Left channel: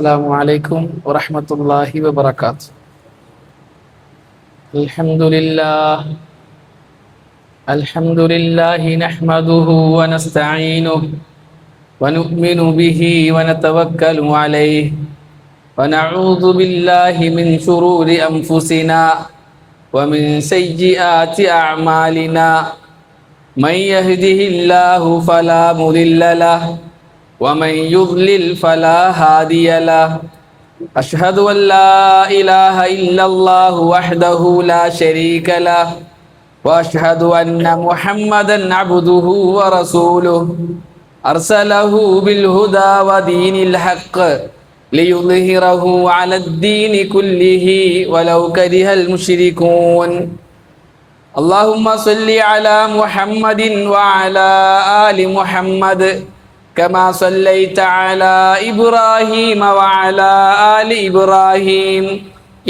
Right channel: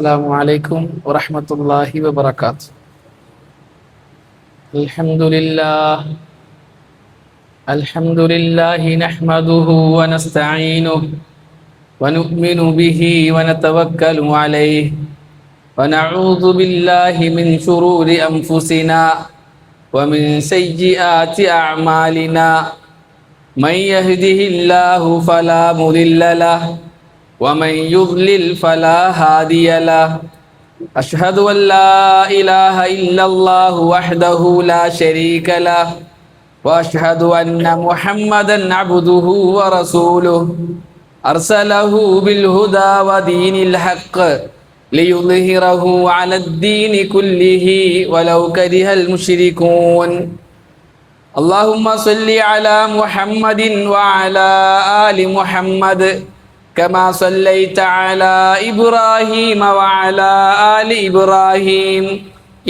السلام عليكم ورحمة الله وبركاته. الحمد لله نحمده ونستعينه ونؤمن به ونتوكل عليه ونعوذ بالله من شرور أنفسنا ومن سيئات أعمالنا. من يهده الله فلا مضل له ومن يضلل فلا هادي له. أشهد أن لا إله إلا الله وحده لا شريك له وأشهد أن محمدا عبده ورسوله أرسله بالهدى ودين الحق ليظهره على الدين كله ولو كره المشركون. اللهم صل على محمد وعلى آل محمد كما صليت على إبراهيم وعلى آل إبراهيم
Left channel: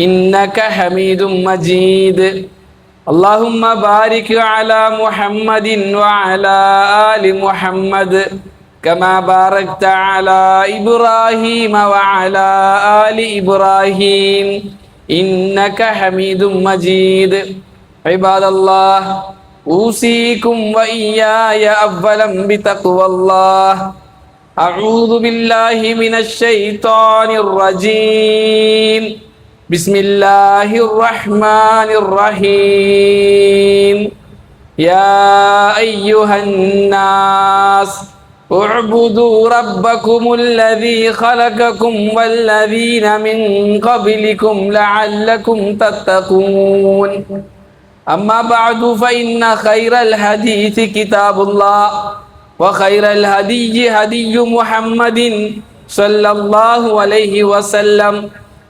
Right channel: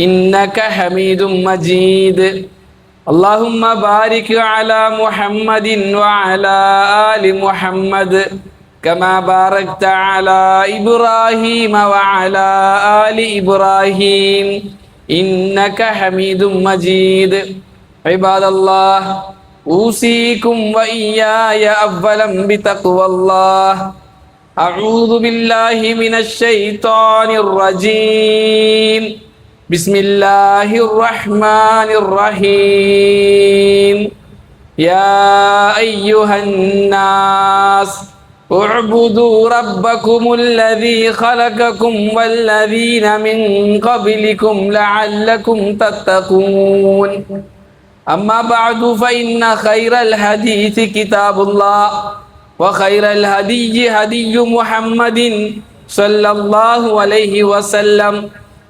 إنك حميد مجيد. اللهم بارك على محمد وعلى آل محمد كما باركت على إبراهيم وعلى آل إبراهيم إنك حميد مجيد. عباد الله، أوصيكم وإياي أولا بتقوى الله. أعوذ بالله من الشيطان الرجيم. بسم الله الرحمن الرحيم. يا أيها الناس اعبدوا ربكم الذي خلقكم والذين من قبلكم لعلكم تتقون. أما بعد فإن خير الحديث كتاب الله وخير الهدي هدي محمد صلى الله عليه وسلم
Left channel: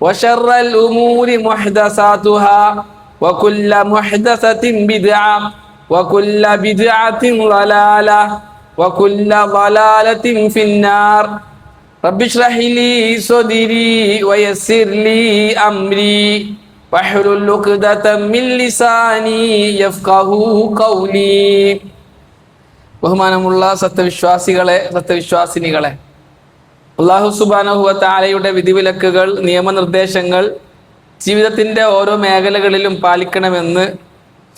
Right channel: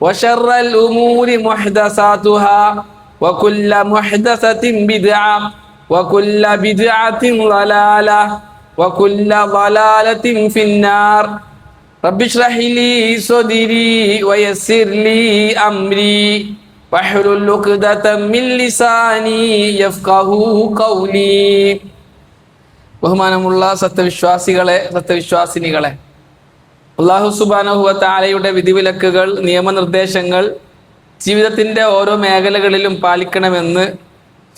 وشر الأمور محدثاتها وكل محدثة بدعة وكل بدعة ضلالة وكل ضلالة في النار. رب اشرح لي صدري ويسر لي أمري واحلل عقدة من لساني يفقهوا قولي. ബഹുമാനമുള്ള സത്യവിശ്വാസിനികളെ, അല്ലാഹു സുബ്ഹാനഹു വ തആലയുടെ വിധിവിലക്കുകൾ, നിയമനിർദ്ദേശങ്ങൾ ജീവിതത്തിന്റെ ഓരോ മേഖലകളിലും പാലിക്കണമെന്ന്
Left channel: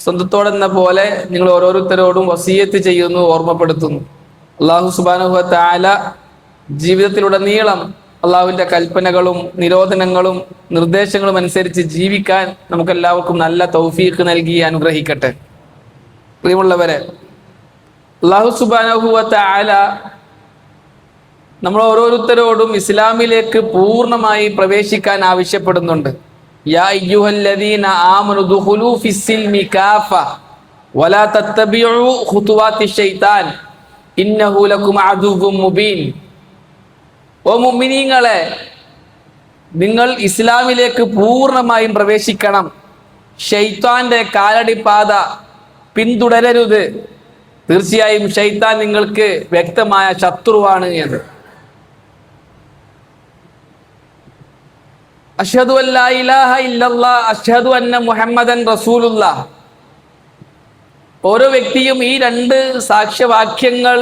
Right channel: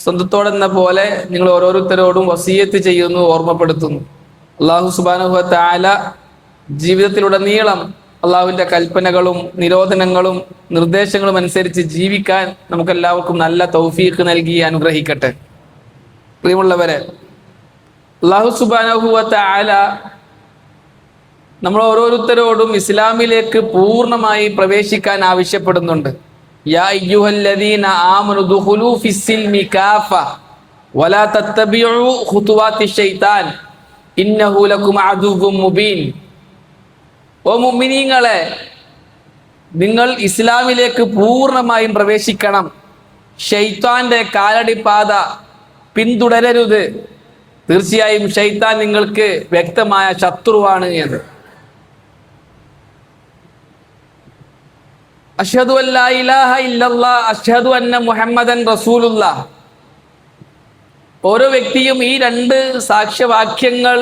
സ്വന്തത്തോടെന്ന പോലെ നിങ്ങൾ ഓരോരുത്തരോടും വസിയത്ത് ചെയ്യുന്നു, ഓർമ്മപ്പെടുത്തുന്നു. അല്ലാഹു സുബ്ഹാനഹു വ തആല ജീവിതത്തിലുടനീളം അള്ളാഹുവിന്റെ കൽപ്പനകളും നിരോധനങ്ങളും നിർദ്ദേശങ്ങളും അനുസരിച്ച് ജീവിക്കാൻ നമുക്കെല്ലാവർക്കും നല്ല തൗഫീഖ് നൽകി അനുഗ്രഹിക്കട്ടെ. പ്രിയമുള്ളവരെ, അല്ലാഹു സുബ്ഹാനഹു വ തആല നമ്മൾ ഓരോരുത്തരോടും ഇസ്ലാമിലേക്ക് പൂർണ്ണമായി പ്രവേശിക്കാൻ ആവശ്യപ്പെടുന്നുണ്ട്. യാ അയ്യുഹല്ലദീന ആമനു ദുഖുലൂ ഫിസ്സിൽമി കാഫ വലാ തത്തബിഉ ഖുതുവാതി ശൈത്താൻ ഇന്നഹു ലകും അദുവ്വും മുബീൻ. ഓ മുഅ്മിനീങ്ങളെ, നിങ്ങൾ ഇസ്ലാമിലേക്ക് പൂർണ്ണമായും പ്രവേശിക്കണം. ശൈത്താന്റെ കാലടിപ്പാത പിന്തുടരരുത്. തീർച്ചയായും ശൈത്താൻ നിങ്ങൾക്ക് വ്യക്തമായ ശത്രുവാണ് എന്ന്. അഷ്ഹദു അല്ലാ ഇലാഹ ഇല്ലല്ലാഹ് അഷ്ഹദു അന്ന മുഹമ്മദൻ റസൂലുള്ളാഹ്. ഓരോ വ്യക്തിയും ഈ രണ്ട് സാക്ഷ്യവാക്യങ്ങൾ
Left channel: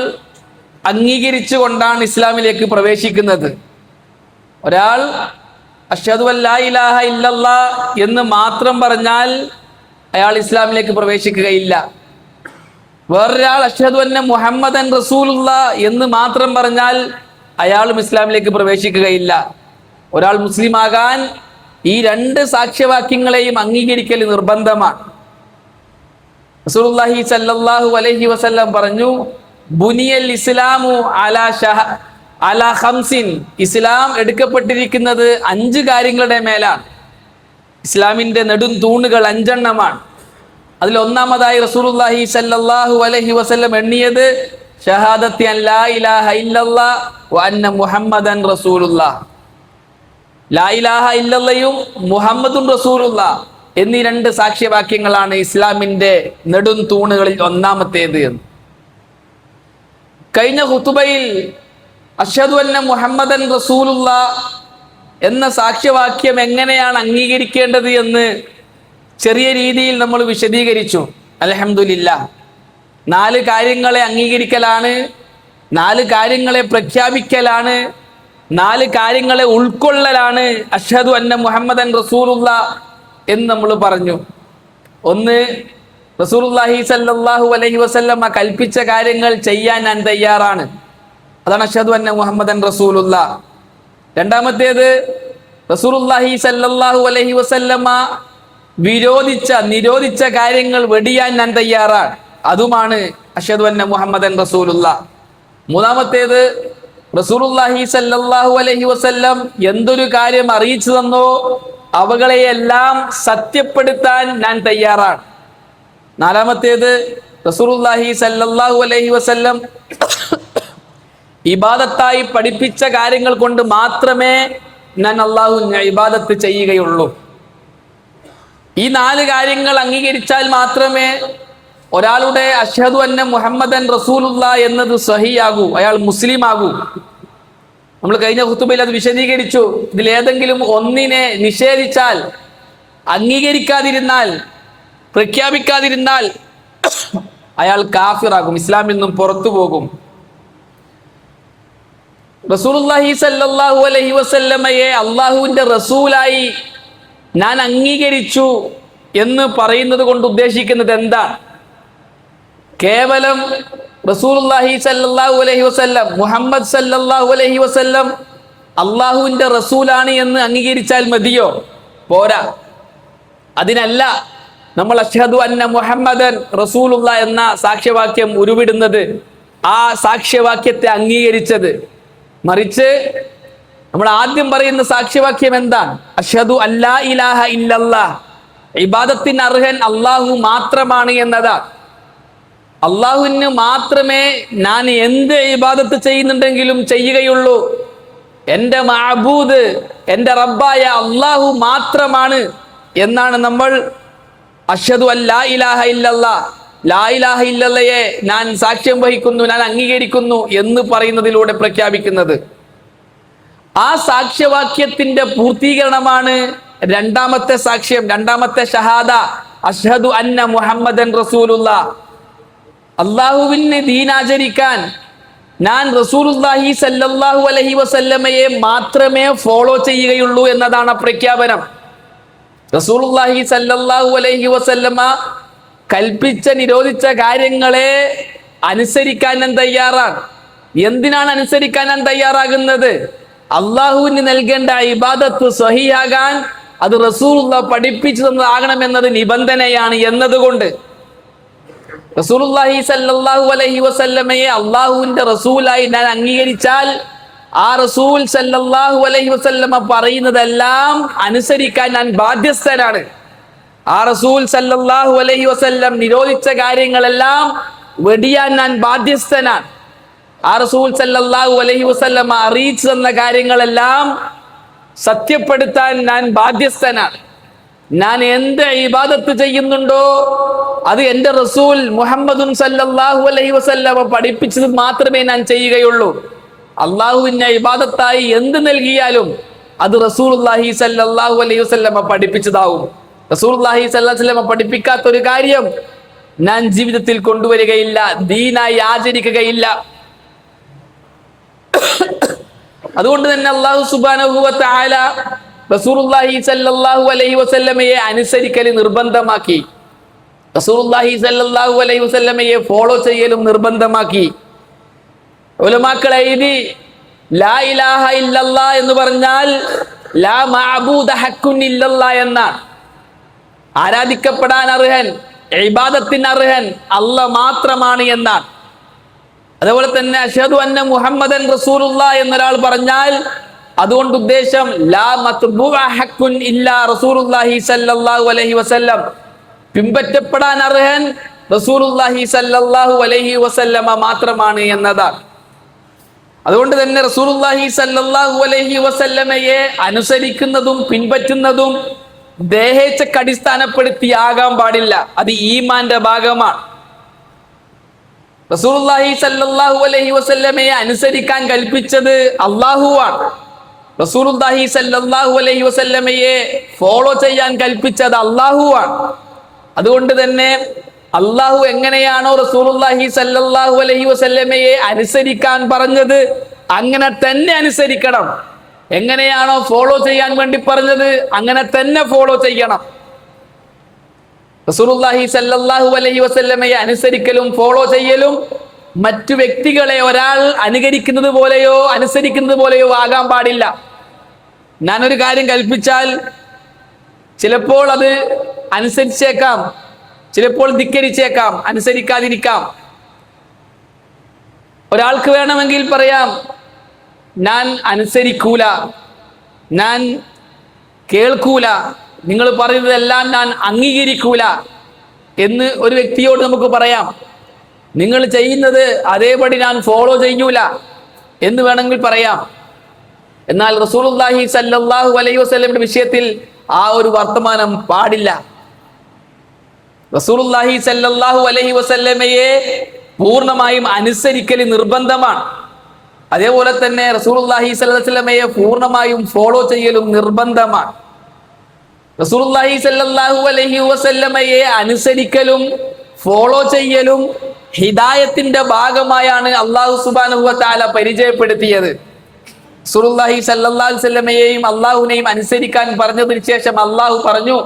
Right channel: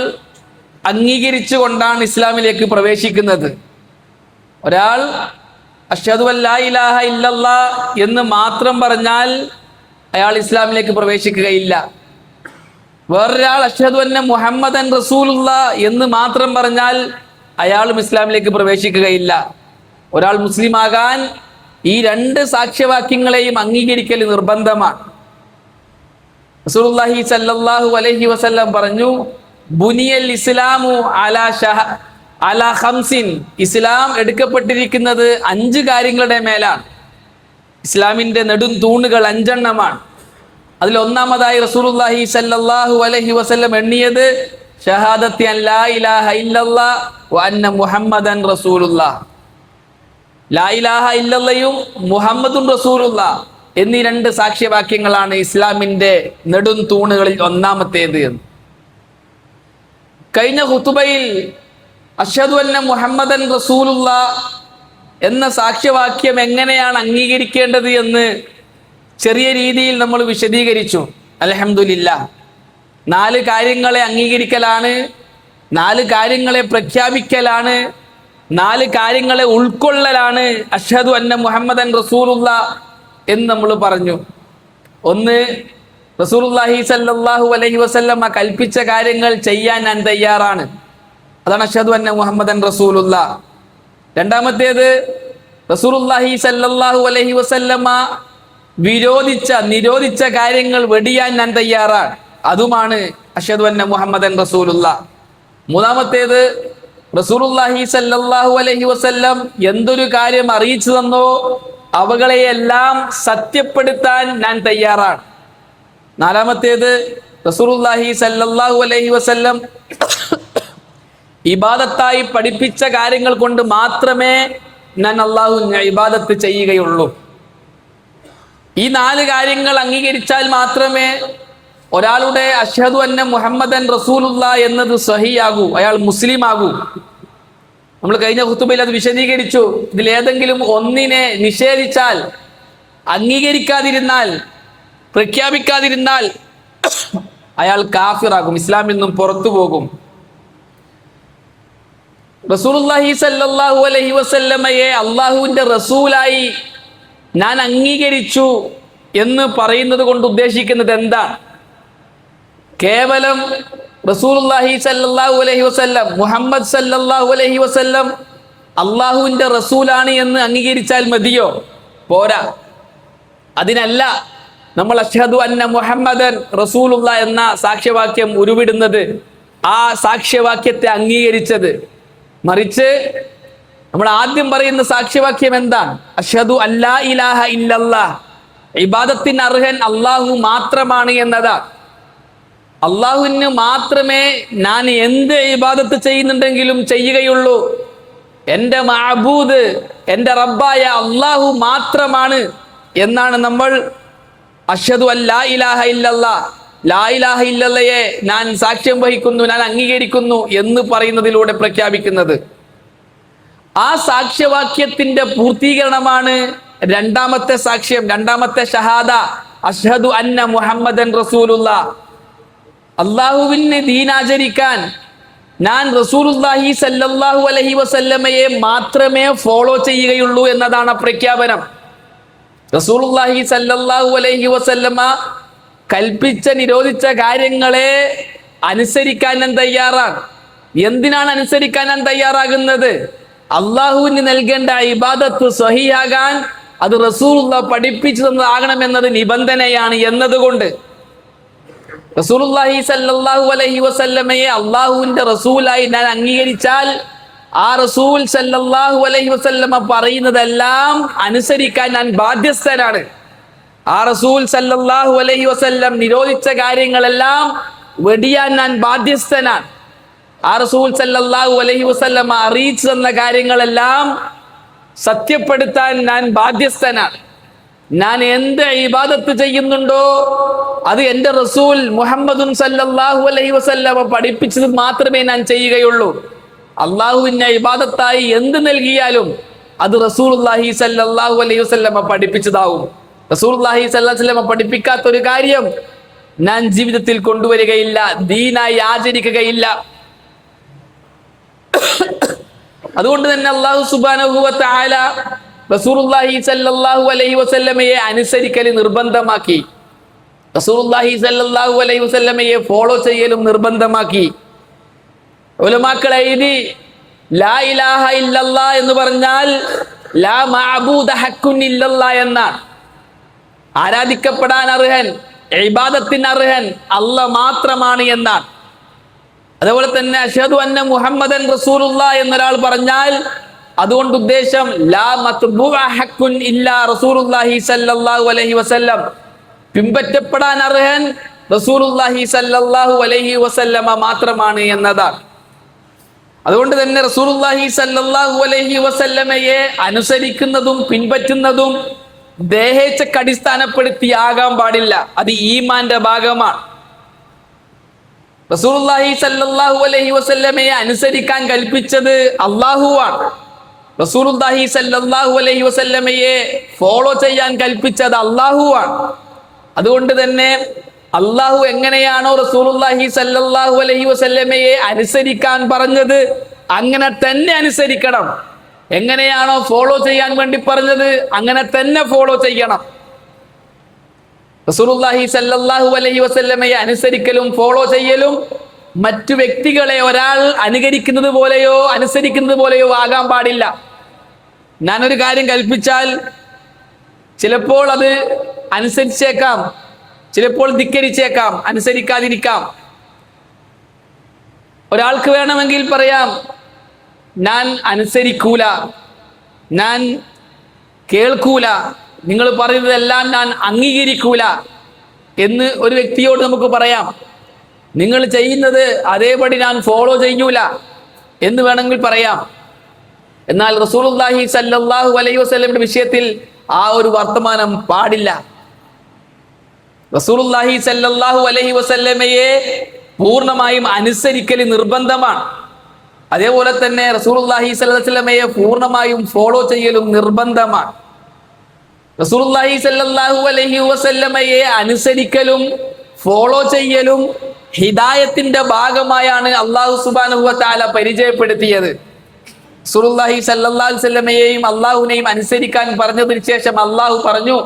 അംഗീകരിച്ചുകൊണ്ടാണ് ഇസ്ലാമിലേക്ക് പ്രവേശിക്കുന്നത്. ഒരാൾ അഷ്ഹദു അല്ലാ ഇലാഹ ഇല്ലല്ലാഹ് എന്ന് മാത്രം പറഞ്ഞാൽ അയാൾ ഇസ്ലാമിലേക്ക് പ്രവേശിക്കുകയില്ല. വേറൊരാൾ അഷ്ഹദു അന്ന മുഹമ്മദൻ റസൂലുള്ളാഹ് എന്ന് മാത്രം പറഞ്ഞാൽ അയാളും ഇസ്ലാമിലേക്ക് പ്രവേശിക്കുകയില്ല. ഒരാൾ മുസ്ലിം ആകാൻ ഈ രണ്ട് സാക്ഷ്യവാക്യങ്ങളെയും അംഗീകരിക്കൽ നിർബന്ധമാണ്. റസൂലുള്ളാഹി സ്വല്ലല്ലാഹു അലൈഹി വസല്ലം പറഞ്ഞു, ബുനിയൽ ഇസ്ലാമു അലാ ഖംസിൻ. ഇസ്ലാം എടുക്കപ്പെട്ടിരിക്കുന്നത് 5 കാര്യങ്ങളുടെ മേലാണ്. ഇസ്ലാമിന്റെ നെടും തൂണുകൾ 5 എണ്ണമാണ്. അതിൽ ഒന്നാമതായി റസൂലുള്ളാഹി സ്വല്ലല്ലാഹു അലൈഹി വസല്ലം എണ്ണിയത് ഷഹാദത്തി അൻ ലാ ഇലാഹ ഇല്ലല്ലാഹ് വ അന്ന മുഹമ്മദൻ റസൂലുള്ളാഹ്. ലാ ഇലാഹ ഇല്ലല്ലയും മുഹമ്മദും റസൂലുള്ളാഹ് എന്നീ 2 സാക്ഷ്യവാക്യങ്ങളാണ് ഇസ്ലാമിന്റെ നെടും തൂണുകളിൽ ഒന്നാമത്തേത്. കഴിഞ്ഞ ഖുതുബയിൽ അഷ്ഹദു അന്ന മുഹമ്മദൻ റസൂലുള്ളാഹ് എന്ന സാക്ഷ്യവാക്യം എങ്ങനെയാണ് അംഗീകരിക്കേണ്ടത് എന്ന് ചെറിയ രീതിയിൽ നമ്മൾ വിശദീകരിച്ചു. അൽഹംദുലില്ലാഹ്. 4 കാര്യങ്ങളെ അംഗീകരിക്കലാണ്, 4 കാര്യങ്ങളെ പ്രഖ്യാപിക്കലാണ് 4 കാര്യങ്ങളെ ഉൾക്കൊള്ളലാണ് അഷ്ഹദു അന്ന മുഹമ്മദൻ റസൂലുള്ള എന്ന് നമ്മൾ പറഞ്ഞു. ഒന്ന്, റസൂലുള്ളാഹി സ്വല്ലല്ലാഹു അലൈഹി വസല്ലമ കൽപ്പിച്ച കാര്യങ്ങൾ ചെയ്യാൻ ഞാൻ തയ്യാറാണ്. അതാണ് അഷ്ഹദു അന്ന മുഹമ്മദൻ റസൂലുള്ള. രണ്ടാമത്തേത്, റസൂലുള്ളാഹി സ്വല്ലല്ലാഹു അലൈഹി വസല്ലമ നിരോധിച്ച കാര്യങ്ങൾ വെടിയാൻ ഞാൻ തയ്യാറാണ്. അതുമാണ് അഷ്ഹദു അന്ന മുഹമ്മദൻ റസൂലുള്ള. മൂന്നാമത്തേത്, റസൂലുള്ളാഹി സ്വല്ലല്ലാഹു അലൈഹി വസല്ലം എന്തൊരു കാര്യം അറിയിച്ചു തന്നോ അവകളെയെല്ലാം സത്യപ്പെടുത്താൻ ഞാൻ തയ്യാറാണ്. നാലാമത്തേത്, റസൂലുള്ളാഹി സ്വല്ലല്ലാഹു അലൈഹി വസല്ലം ഇബാദത്തായി പഠിപ്പിച്ച കാര്യങ്ങൾ കൊണ്ട് മാത്രമേ ഞാൻ അള്ളാഹുവിനെ ഇബാദത്ത് ചെയ്യുകയുള്ളൂ. ഈ 4 കാര്യങ്ങൾ അംഗീകരിച്ചാൽ മാത്രമേ ഒരാളുടെ അഷ്ഹദു അന്ന മുഹമ്മദൻ റസൂലുള്ള എന്നത് സഹിയാകൂ, അയാൾ മുസ്ലിം ആകൂ. നമ്മൾ കഴിഞ്ഞ ഖുതുബയിൽ അത് വിശദീകരിച്ചു. ഇതിൽ ഏതെങ്കിലും ഒന്നിനെ നിഷേധിച്ചാൽ, അംഗീകരിക്കാതിരുന്നാൽ, പ്രഖ്യാപിക്കാതിരുന്നാൽ അയാൾ കാഫിറാകും, ഇസ്ലാമിൽ നിന്നും പുറത്തു പോകും. റസൂലുള്ളാഹി സ്വല്ലല്ലാഹു അലൈഹി വസല്ലമയെ അള്ളാഹുവിന്റെ റസൂലായി ഞാൻ അംഗീകരിച്ചു എന്ന് പറയുന്നത് കൊണ്ട് ഉദ്ദേശിക്കുന്നത് എന്താ? കേവലം റസൂലുള്ളാഹി സ്വല്ലല്ലാഹു അലൈഹി വസല്ലം, മുഹമ്മദ് സ്വല്ലല്ലാഹു അലൈഹി വസല്ലം അള്ളാഹുവിന്റെ റസൂലാണ് എന്ന് അംഗീകരിച്ചാൽ മതിയോ? പോരാ. അതിനല്ല നമ്മൾ അഷ്ഹദു അന്ന മുഹമ്മദൻ റസൂലുള്ള എന്ന സാക്ഷ്യവാക്യം ഉരുവിടുന്നത്, ആ സാക്ഷ്യവാക്യത്തെ അംഗീകരിച്ചത്. മറിച്ച് നമ്മൾ ആദ്യം പറയുന്ന സാക്ഷ്യവാക്യം എന്താണ്? അഷ്ഹദു അല്ലാ ഇലാഹ ഇല്ലല്ലാഹ്, ഇബാദത്തിന് അർഹൻ അള്ളാഹു മാത്രമാണ് എന്നതാണ്. അള്ളാഹുവിന് മാത്രമേ ഞാൻ എന്ത് ഇബാദത്ത് ചെയ്യുന്നുണ്ടെങ്കിലും ചെയ്യുകയുള്ളൂ. എൻ്റെ മഅബൂദ്, എൻ്റെ റബ്ബായ അള്ളാഹു മാത്രമാണ് എന്നാണ് നമ്മൾ അഷ്ഹദു അല്ലാ ഇലാഹ ഇല്ലല്ലാഹ്, ലാ ഇലാഹ ഇല്ലല്ലയെ ഞാൻ സാക്ഷ്യം വഹിക്കുന്നു, ഞാൻ അംഗീകരിക്കുന്നു എന്ന് പറയുന്നതിലൂടെ പ്രഖ്യാപിക്കുന്നത്. ആ സാക്ഷ്യവാക്യത്തിന്റെ പൂർത്തീകരണമാണ് രണ്ടാമത്തെ സാക്ഷ്യം, രണ്ടാമത്തെ ഷഹാദ, അഷ്ഹദു അന്ന മുഹമ്മദൻ റസൂലുള്ള. അള്ളാഹുവിന് ദീനാചരിക്കാൻ ഞാൻ റസൂലുള്ളാഹി സ്വല്ലല്ലാഹു അലൈഹി വസല്ലമയെ മാത്രമേ ഫോളോ ചെയ്യുകയുള്ളൂ എന്നതാണ് പ്രഖ്യാപനം. റസൂലുള്ളാഹി സ്വല്ലല്ലാഹു അലൈഹി വസല്ലമ കൽപ്പിച്ച നിരോധിച്ച കാര്യങ്ങളെ അനുസരിക്കാൻ ഞാൻ തയ്യാറാണ്. എന്തിനാണ് അനുസരിക്കാൻ ഞാൻ തയ്യാറാകുന്നത്? അള്ളാഹുവിന് നൽകേണ്ട ഇബാദത്ത് സ്വഹിയാകാൻ അത് റസൂലുള്ള പഠിപ്പിച്ചു തന്നതാകണമെന്നത് നിബന്ധനയാണ് എന്നതുകൊണ്ട് റസൂലുള്ളാഹി സ്വല്ലല്ലാഹു അലൈഹി വസല്ലമയെ അള്ളാഹുവിന്റെ റസൂലായി ഞാൻ അംഗീകരിച്ചാൽ ആ റസൂൽ സ്വല്ലല്ലാഹു അലൈഹി വസല്ലമ പറയുന്നതെല്ലാം അനുസരിക്കാൻ ഞാൻ ബാധ്യസ്ഥനാണ്. ആ റസൂൽ സല്ലല്ലാഹു അലൈഹി വസല്ലം നിരോധിച്ച കാര്യങ്ങളെല്ലാം വെടിയാൻ ഞാൻ ബാധ്യസ്ഥനാണ്. ആ റസൂൽ സല്ലല്ലാഹു അലൈഹി വസല്ലം അറിയിച്ചു തന്ന കാര്യങ്ങളെല്ലാം സത്യപ്പെടുത്താൻ ഞാൻ ബാധ്യസ്ഥനാണ്. ഞാൻ എന്ത് ഇബാദത്ത് ചെയ്യുന്നുണ്ടോ അത് എൻ്റെ റസൂൽ മുഹമ്മദുൻ സല്ലല്ലാഹു അലൈഹി വസല്ലം പഠിപ്പിച്ചത് മാത്രമേ ഞാൻ ചെയ്യുകയുള്ളൂ. അള്ളാഹുവിനെ ഇബാദത്തായി എന്ത് നൽകിയാലും അത് റസൂലുള്ളാഹി സല്ലല്ലാഹു അലൈഹി വസല്ലം പഠിപ്പിച്ചതാവും. റസൂലുള്ളാഹി സ്വല്ലല്ലാഹു അലൈഹി വസല്ലം പഠിപ്പിക്കാത്ത ഒരു കാര്യം ഞാൻ ജീവിതത്തിൽ കൊണ്ടുവരികയില്ല, ദീനായി ആചരിക്കുകയില്ല. അതുകൊണ്ട് തന്നെ അല്ലാഹു സുബ്ഹാനഹു വ തആല റസൂലുള്ളാഹി സ്വല്ലല്ലാഹു അലൈഹി വസല്ലമയെ അനുസരിക്കൽ നിർബന്ധമാക്കി. റസൂലുള്ളാഹി സ്വല്ലല്ലാഹു അലൈഹി വസല്ലമയെ ഫോളോ ചെയ്യലും നിർബന്ധമാക്കി. ഉലമാക്കൾ എഴുതി, ലാ ഇലാഹ ഇല്ലല്ലാഹ് എന്ന് പറഞ്ഞാൽ ലാ മഅബൂദ ഹഖ്കുൻ ഇല്ലല്ലാഹ് എന്നാണ്. ആരാധിക്കപ്പെടാൻ അർഹൻ, ഇബാദത്തിന് അർഹൻ അല്ലാഹ് മാത്രമാണ് എന്നാണ്. അതുപോലെ തന്നെ അഷ്ഹദു അന്ന മുഹമ്മദൻ റസൂലുള്ളാഹ് എന്നൊരാൾ പറഞ്ഞാൽ അതുകൊണ്ട് ഉദ്ദേശം ലാ മത്ബൂഅ ഹഖ്കുൻ ഇല്ലാ റസൂലുള്ളാഹി സ്വല്ലല്ലാഹു അലൈഹി വസല്ലം, പിൻപറ്റപ്പെടാൻ അർഹൻ റസൂലുള്ളാഹി സ്വല്ലല്ലാഹു അലൈഹി വസല്ലമ മാത്രമാണ് എന്നതാണ്. അതുകൊണ്ട് തന്നെ റസൂലുള്ളാഹി സ്വല്ലല്ലാഹു അലൈഹി വസല്ലമയെ അനുസരിക്കുന്നതും പിൻപറ്റുന്നതും ദേഹേച്ഛക്ക് അടിസ്ഥാനപ്പെടുത്തിയാകാൻ പാടില്ല. അത് ഈമാന്റെ ഭാഗമാണ്. റസൂലുള്ളാഹി സ്വല്ലല്ലാഹു അലൈഹി വസല്ലമയെ അനുസരിക്കാൻ കൽപ്പിച്ചത് അല്ലാഹുവാണ്. റസൂലുള്ളാഹി സ്വല്ലല്ലാഹു അലൈഹി വസല്ലമയെ ഫോളോ ചെയ്യാൻ കൽപ്പിച്ചത് അല്ലാഹുവാണ്. അതുകൊണ്ട് തന്നെ അല്ലാഹു എങ്ങനെയാണോ റസൂലുള്ളാഹി സ്വല്ലല്ലാഹു അലൈഹി വസല്ലമയെ അനുസരിക്കാൻ പറഞ്ഞത് അങ്ങനെ തന്നെ അനുസരിക്കണം. എങ്ങനെയാണോ ഫോളോ ചെയ്യാൻ വേണ്ടി പറഞ്ഞത് അങ്ങനെ തന്നെ ഫോളോ ചെയ്യണം. റസൂലുള്ളാഹി സ്വല്ലല്ലാഹു അലൈഹി വസല്ലമയെ അനുസരിക്കലും ഫോളോ ചെയ്യലും മറ്റു വ്യക്തികളെ ഒരാൾ അനുകരിക്കുന്നത് പോലെയോ അനുസരിക്കുന്നത് പോലെയോ ആകാൻ പാടില്ല. ഞാനൊരു കാര്യം കൽപ്പിച്ചാൽ ചിലപ്പോൾ അത് അനുസരിച്ചേക്കാം, ചിലപ്പോൾ ധിക്കരിച്ചേക്കാം, അനുസരിക്കാതിരിക്കാം. ഒരാൾക്ക് വേണമെങ്കിൽ പറയാം, ഞാൻ അനുസരിക്കൂല, ഞാൻ കേൾക്കൂല, നിങ്ങൾ പറയുന്നതെല്ലാം ഞാൻ അംഗീകരിക്കൂല എന്ന് ഒരു വ്യക്തിയോട് നമുക്ക് പറയാം. നിങ്ങൾ ചെയ്യുന്നത് അതേപടി ഞാൻ ഫോളോ ചെയ്യൂല എന്ന് വേണമെങ്കിൽ പറയാം. എന്നാൽ റസൂലുള്ളാഹി സ്വല്ലല്ലാഹു അലൈഹി വസല്ലമയുടെ വിഷയത്തിൽ ആ ഒരു വർത്തമാനം പാടില്ല. റസൂലുള്ളാഹി സ്വല്ലല്ലാഹു അലൈഹി വസല്ലമയെ പൂർണ്ണമായും അനുസരിക്കൽ നിർബന്ധമാണ്. അതേപോലെ തന്നെ റസൂലുള്ളാഹി സ്വല്ലല്ലാഹു അലൈഹി വസല്ലമയെ പൂർണ്ണമായും ഫോളോ ചെയ്യലും നിർബന്ധമാണ്. റസൂലുള്ളാഹി സ്വല്ലല്ലാഹു അലൈഹി വസല്ലമയെ അനുസരിക്കലും ഫോളോ ചെയ്യലും ഹിദായത്തിന്റെ ഭാഗമായാണ് അല്ലാഹു സുബ്ഹാനഹു വ തആല പരിചയപ്പെടുത്തിയത്. റസൂലുള്ളാഹി സ്വല്ലല്ലാഹു അലൈഹി വസല്ലമയെയും അല്ലാഹുവിനെയും അനുസരിക്കാൻ പറഞ്ഞതിന് ശേഷം അല്ലാഹു പറഞ്ഞു,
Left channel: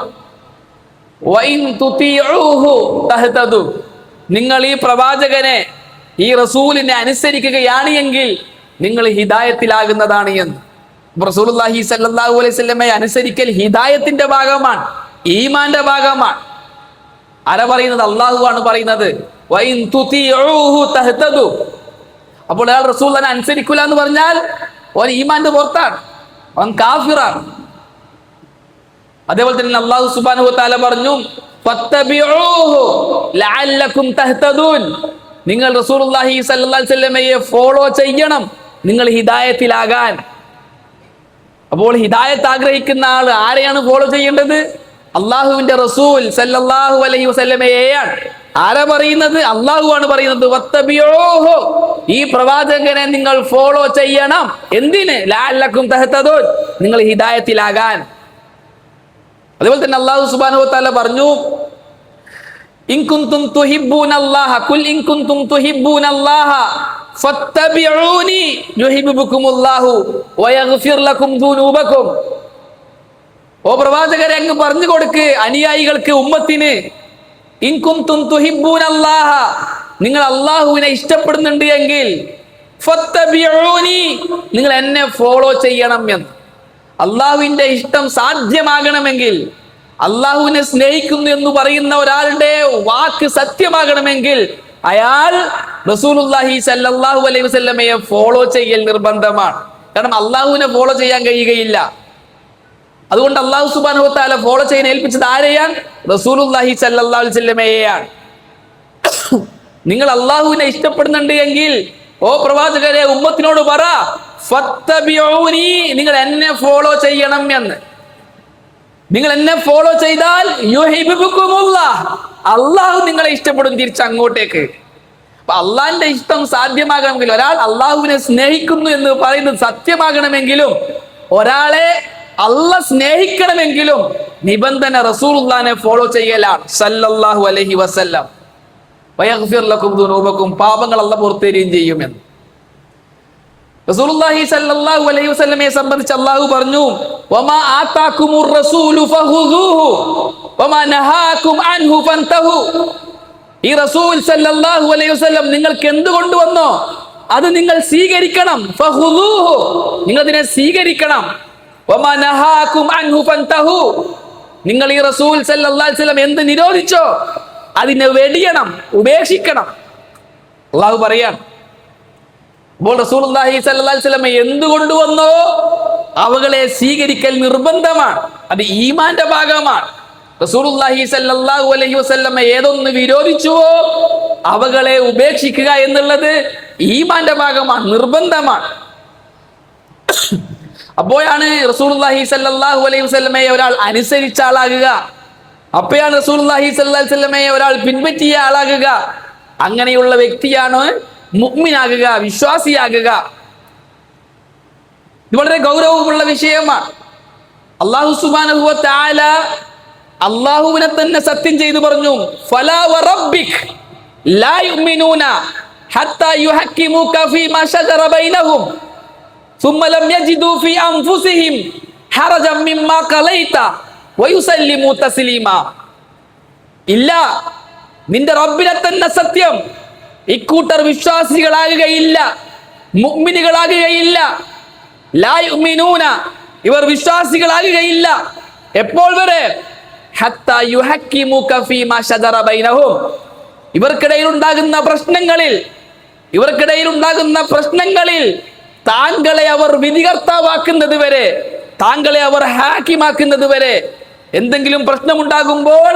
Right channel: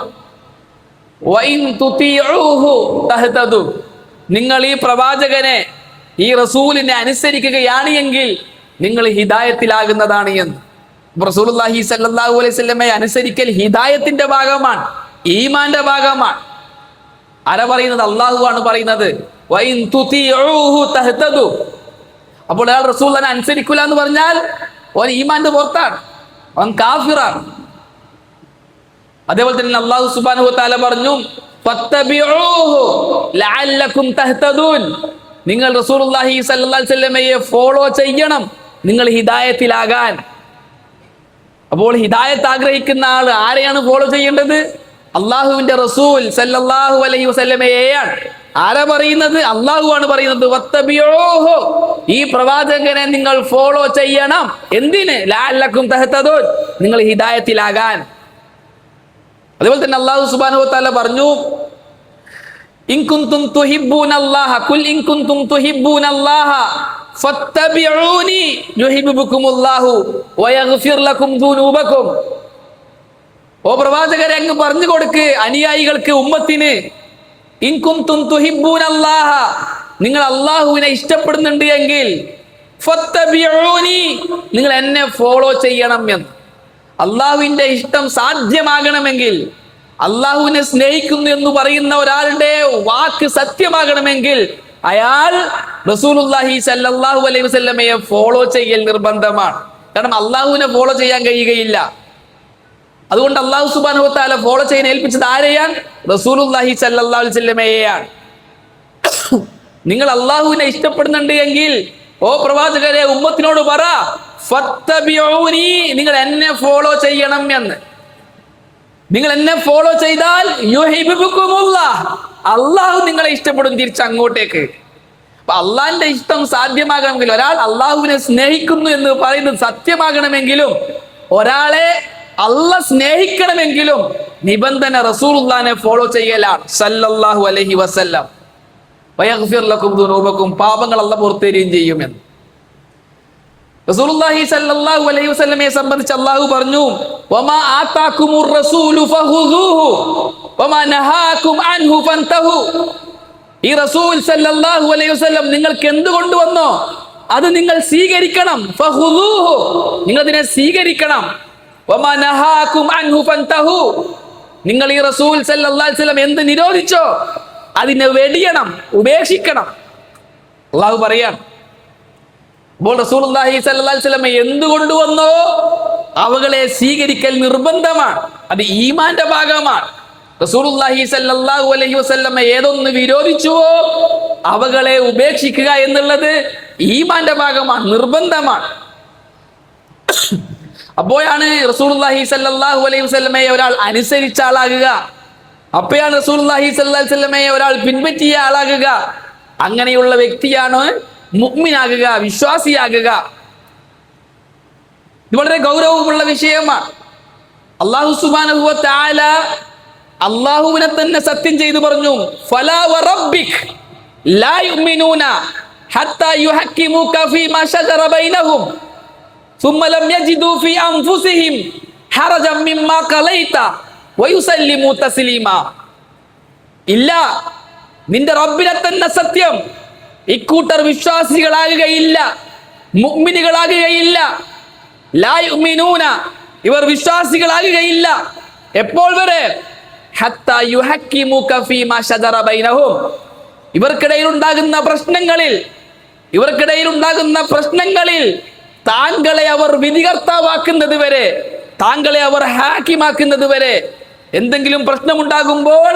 വഇൻ തുതീഉഹു തഹ്തദു, നിങ്ങൾ ഈ പ്രവാചകനെ, ഈ റസൂലിനെ അനുസരിക്കുകയാണ് എങ്കിൽ നിങ്ങൾ ഹിദായത്തിലാകുന്നതാണ് എന്ന്. റസൂലുള്ളാഹി സ്വല്ലല്ലാഹു അലൈഹി വസല്ലമയെ അനുസരിക്കൽ ഹിദായത്തിന്റെ ഭാഗമാണ്, ഈമാന്റെ ഭാഗമാണ്. ആരാ പറയുന്നത്? അല്ലാഹുവാണ് പറയുന്നത്. വഇൻ തുതീഉഹു തഹ്തദു. അപ്പോൾ അയാൾ റസൂലിനെ അനുസരിക്കില്ല എന്ന് പറഞ്ഞാൽ അവൻ ഈമാന്റെ പുറത്താണ്, അവൻ കാഫിറാണ്. അതേപോലെ തന്നെ അല്ലാഹു സുബ്ഹാനഹു വ തആല പറഞ്ഞു, ഫത്തബിഊഹു ലഅല്ലകും തഹ്തദൂൻ, നിങ്ങൾ റസൂലുള്ളാഹി സ്വല്ലല്ലാഹു അലൈഹി വസല്ലമയെ ഫോളോ ചെയ്യണം നിങ്ങൾ ഹിദായത്തിലാകാൻ. അപ്പോൾ ഹിദായത്ത് ആഗ്രഹിക്കുന്ന ആൾ ആരെയാണ് ഫോളോ ചെയ്യേണ്ടത്? അള്ളാഹുവിന്റെ റസൂൽ സല്ലല്ലാഹു അലൈഹി വസല്ലമയെയാണ്. ആരാ പറയുന്നത്? അള്ളാഹുവാണ് പറയുന്നത്. വത്തബിഊഹു, ഈ പ്രവാചകനെ നിങ്ങൾ ഫോളോ ചെയ്യണം. എന്തിന്? ലഅല്ലകും തഹ്തദൂൻ, നിങ്ങൾ ഹിദായത്തിലാകാൻ. അതേപോലെ തന്നെ അല്ലാഹു സുബ്ഹാനഹു വ തആല പറഞ്ഞു, ഇൻ കുൻതും തുഹിബ്ബൂനല്ലാഹ ഖുൽ ഇൻ കുൻതും തുഹിബ്ബൂനല്ലാഹ ഫത്തബിഊനി യുഹിബ്ബുകുമുല്ലാഹു വയഗ്ഫിർ ലക്കും ദുനൂബക്കും. ഓ പ്രവാചകരെ, അങ്ങ് പറഞ്ഞു കൊടുക്ക് അനുയായികൾക്ക്, ഉമ്മത്തിന്, ഇൻ കുൻതും തുഹിബ്ബൂനല്ലാഹ, നിങ്ങൾ അല്ലാഹുവിനെ ഇഷ്ടപ്പെടുന്നുണ്ട് എങ്കിൽ ഫത്തബിഊനി, നിങ്ങൾ എന്നെ ഫോളോ ചെയ്യണം എന്ന്. അള്ളാഹുവിന്റെ ഇഷ്ടം സാധ്യമാകണമെങ്കിൽ, അള്ളാഹുവിനെ സ്നേഹിക്കുന്നു എന്ന് പറയുന്ന ഒരാളുടെ വാക്ക് സത്യമാകണമെങ്കിൽ അയാൾ റസൂലുള്ളാഹി സ്വല്ലല്ലാഹു അലൈഹി വസല്ലമയെ ഫോളോ ചെയ്യൽ നിർബന്ധമാണ്. കാരണം അള്ളാഹുവിനെ ഫോളോ ചെയ്യാൻ കഴിയുകയില്ല. അതുകൊണ്ട് അല്ലാഹു സുബ്ഹാനഹു വ തആല ഫോളോ ചെയ്യാൻ ഏൽപ്പിച്ചത് ആരെയാണ്? റസൂലുള്ളാഹി സ്വല്ലല്ലാഹു അലൈഹി വസല്ലമയെയാണ്. നിങ്ങൾ അള്ളാഹുവിനെ ഇഷ്ടപ്പെടുന്നുണ്ട് എങ്കിൽ ഓ പ്രവാചകരെ, ഉമ്മത്തിനോട് പറ, ഫത്തബിഊനി, നിങ്ങൾ എന്നെ ഫോളോ ചെയ്യണം എന്ന്. നിങ്ങൾ എന്നെ ഫോളോ ചെയ്താൽ യുഹിബ്ബുകുമുല്ലാഹ്, അള്ളാഹു നിങ്ങളെ ഇഷ്ടപ്പെടും തിരിച്ചങ്ങോട്ടേക്ക്. അപ്പൊ അള്ളാഹിന്റെ ഇഷ്ടം സാധ്യമാകണമെങ്കിൽ, ഒരാൾ അള്ളാഹുവിനെ സ്നേഹിക്കുന്നു എന്ന് പറയുന്നത് സത്യമാകണമെങ്കിലും, ഒരാളെ അള്ളാഹ് സ്നേഹിക്കണമെങ്കിലും നിബന്ധന റസൂലുള്ളാഹിനെ ഫോളോ ചെയ്യലാണ് സല്ലല്ലാഹു അലൈഹി വസല്ലം. വയഗ്ഫിർ ലക്കും ദുനൂബക്കും, പാപങ്ങൾ അള്ളാഹ് പുറത്തേരുകയും ചെയ്യുമെന്ന്. റസൂലുള്ളാഹി സ്വല്ലല്ലാഹു അലൈഹി വസല്ലമയെ സംബന്ധിച്ച് അല്ലാഹു പറഞ്ഞു, വമാ ആതാകുമുർ റസൂലു ഫഖുദൂഹു വമാ നഹാകും അൻഹു ഫൻതഹു. ഈ റസൂൽ സ്വല്ലല്ലാഹു അലൈഹി വസല്ലം നിങ്ങൾക്ക് എന്ത് കൊണ്ടുവന്നോ അത് നിങ്ങൾ സ്വീകരിക്കണം. ഫഖുദൂഹു, നിങ്ങൾ അതിനെ സ്വീകരിക്കണം. വമാ നഹാകും അൻഹു ഫൻതഹു, നിങ്ങൾ ഈ റസൂൽ സ്വല്ലല്ലാഹു അലൈഹി വസല്ലം എന്ത് നിരോധിച്ചോ അതിനെ വെടിയണം, ഉപേക്ഷിക്കണം. അല്ലാഹു പറയാം. അപ്പോൾ റസൂലുള്ളാഹി സ്വല്ലല്ലാഹു അലൈഹി വസല്ലം എന്ത് കൊണ്ടുവന്നോ അവകളെ സ്വീകരിക്കൽ നിർബന്ധമാണ്. അത് ഈമാന്റെ ഭാഗമാണ്. റസൂലുള്ളാഹി സ്വല്ലല്ലാഹു അലൈഹി വസല്ലം ഏതൊന്ന് വിരോധിച്ചുവോ അവകളെ ഉപേക്ഷിക്കുക എന്നുള്ളത് ഈമാന്റെ ഭാഗമാണ്, നിർബന്ധമാണ്. അപ്പോഴാണ് റസൂലുള്ളാഹി സ്വല്ലല്ലാഹു അലൈഹി വസല്ലമയെ ഒരാൾ അനുസരിച്ച ആളാകുക. അപ്പോഴാണ് റസൂലുള്ളാഹി സ്വല്ലല്ലാഹു അലൈഹി വസല്ലമയെ ഒരാൾ പിൻപറ്റിയ ആളാകുക. അങ്ങനെയുള്ള വ്യക്തിയാണ് മുഅ്മിനാകുക, വിശ്വാസിയാകുക. ഇത് വളരെ ഗൗരവമുള്ള വിഷയമാണ്. അല്ലാഹു സുബ്ഹാനഹു വ തആല അല്ലാഹുവിനെ തന്നെ സത്യം ചെയ്തു പറഞ്ഞു, ഫലാ വറബ്ബിക് ലാ യുഅ്മിനൂന ഹത്താ യുഹക്കിമുക ഫീമാ ശജറ ബൈനഹും. ثم لم يجدوا في أنفسهم حرجا مما قضيت ويسلموا تسليما. ഇല്ല, നിന്റെ റബ്ബിനെ തന്നെ സത്യം, ഇക്കൂട്ടർ വിശ്വാസികളാകുകയില്ല, മുഅ്മിനുകളാകുകയില്ല. ലാ യുഅ്മിനൂന, ഇവർ വിശ്വാസികളാകുകയില്ല. എപ്പോൾ വരെ? ഹത്താ യുഹക്കിമുക ഫീമാ ശജറ ബൈനഹും, ഇവർക്കിടയിൽ ഉണ്ടാകുന്ന പ്രശ്നങ്ങളിൽ താങ്കളെ അവർ വിധികർത്താവാക്കുന്നത് വരെ, താങ്കളെ അവർ ഹാക്കിമാക്കുന്നത് വരെ, എന്തെങ്കിലും പ്രശ്നമുണ്ടാകുമ്പോൾ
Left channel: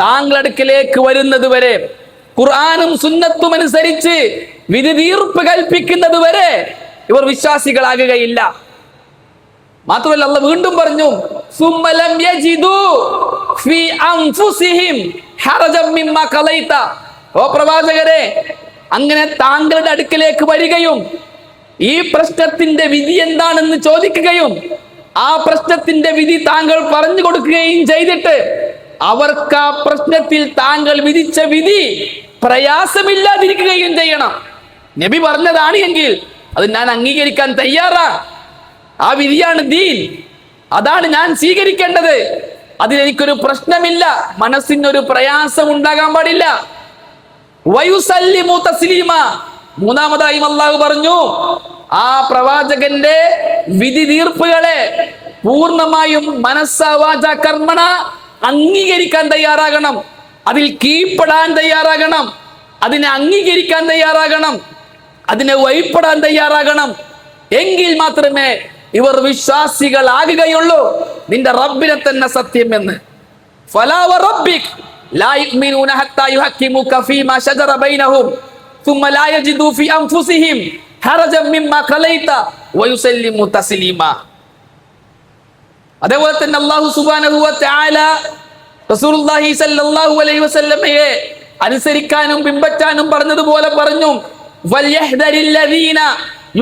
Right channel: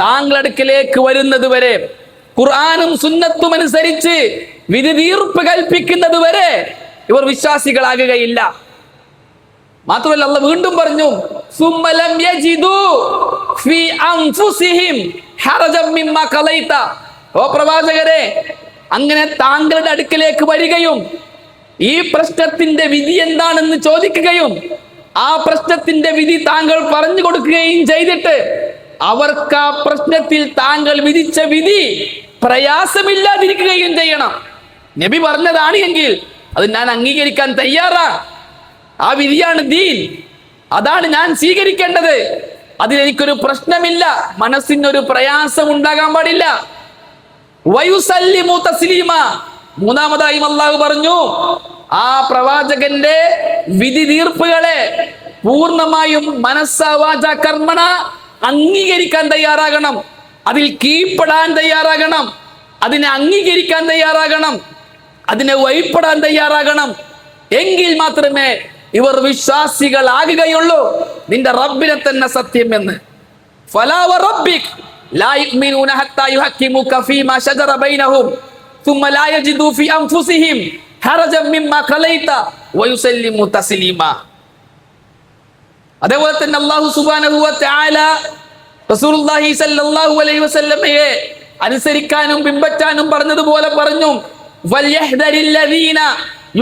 താങ്കളുടെ അടുക്കലേക്ക് വരുന്നത് വരെ, ഖുർആനും സുന്നത്തും അനുസരിച്ച് വിധി തീർപ്പ് കൽപ്പിക്കുന്നത് വരെ ഇവർ വിശ്വാസികളാകുകയില്ല. മാത്രമല്ല അല്ലാഹ് വീണ്ടും പറഞ്ഞു, സുമ്മലം യജിദു ഫീ അൻഫുസിഹിം ഹറജം മിമ്മാ ഖളൈത. ഓ പ്രവാചകരെ, അങ്ങനെ താങ്കളുടെ അടുക്കലേക്ക് വരികയും ഈ പ്രശ്നത്തിന്റെ വിധി എന്താണെന്ന് ചോദിക്കുകയും ആ പ്രശ്നത്തിന്റെ വിധി താങ്കൾ പറഞ്ഞു കൊടുക്കുകയും ചെയ്തിട്ട് അവർക്ക് ആ പ്രശ്നത്തിൽ താങ്കൾ വിധിച്ച വിധി പ്രയാസമില്ലാതിരിക്കുകയും ചെയ്യണം. നബി പറഞ്ഞതാണ് എങ്കിൽ അത് ഞാൻ അംഗീകരിക്കാൻ തയ്യാറാ. ആ വിധിയാണ് ദീൻ, അതാണ് ഞാൻ സ്വീകരിക്കേണ്ടത്. അതിലെനിക്കൊരു പ്രശ്നമില്ല, മനസ്സിനൊരു പ്രയാസം ഉണ്ടാകാൻ പാടില്ല. വയുസല്ലിമു തസ്ലീമ. മൂന്നാമതായും അല്ലാഹു പറഞ്ഞു, ആ പ്രവാചകന്റെ വിധി തീർപ്പുകളെ പൂർണ്ണമായും മനസ്സാ വാചാ കർമ്മണ അംഗീകരിക്കാൻ തയ്യാറാകണം, അതിൽ കീഴ്പ്പെടാൻ തയ്യാറാകണം, അതിനെ അംഗീകരിക്കാൻ തയ്യാറാകണം, അതിനെ വഴിപ്പെടാൻ തയ്യാറാകണം. എങ്കിൽ മാത്രമേ ഇവർ വിശ്വാസികളാകുകയുള്ളൂ. നിന്റെ റബ്ബിനെ തന്നെ സത്യം എന്ന്. ഫലാ വറബ്ബിക് ലാ യുഅ്മിനൂന ഹത്താ യുഹക്കിമുക ഫീമാ ശജറ ബൈനഹും ثم لا يجدوا في أنفسهم حرجا مما قضيت ويسلموا تسليما. അതേപോലെ തന്നെ അല്ലാഹു സുബ്ഹാനഹു വ തആല റസൂലുള്ളാഹി സ്വല്ലല്ലാഹു അലൈഹി വസല്ലമയെ അനുസരിക്കാനും പിൻപറ്റാനും പറഞ്ഞതുപോലെ പറഞ്ഞു, വൽയഹ്ദരില്ലദീന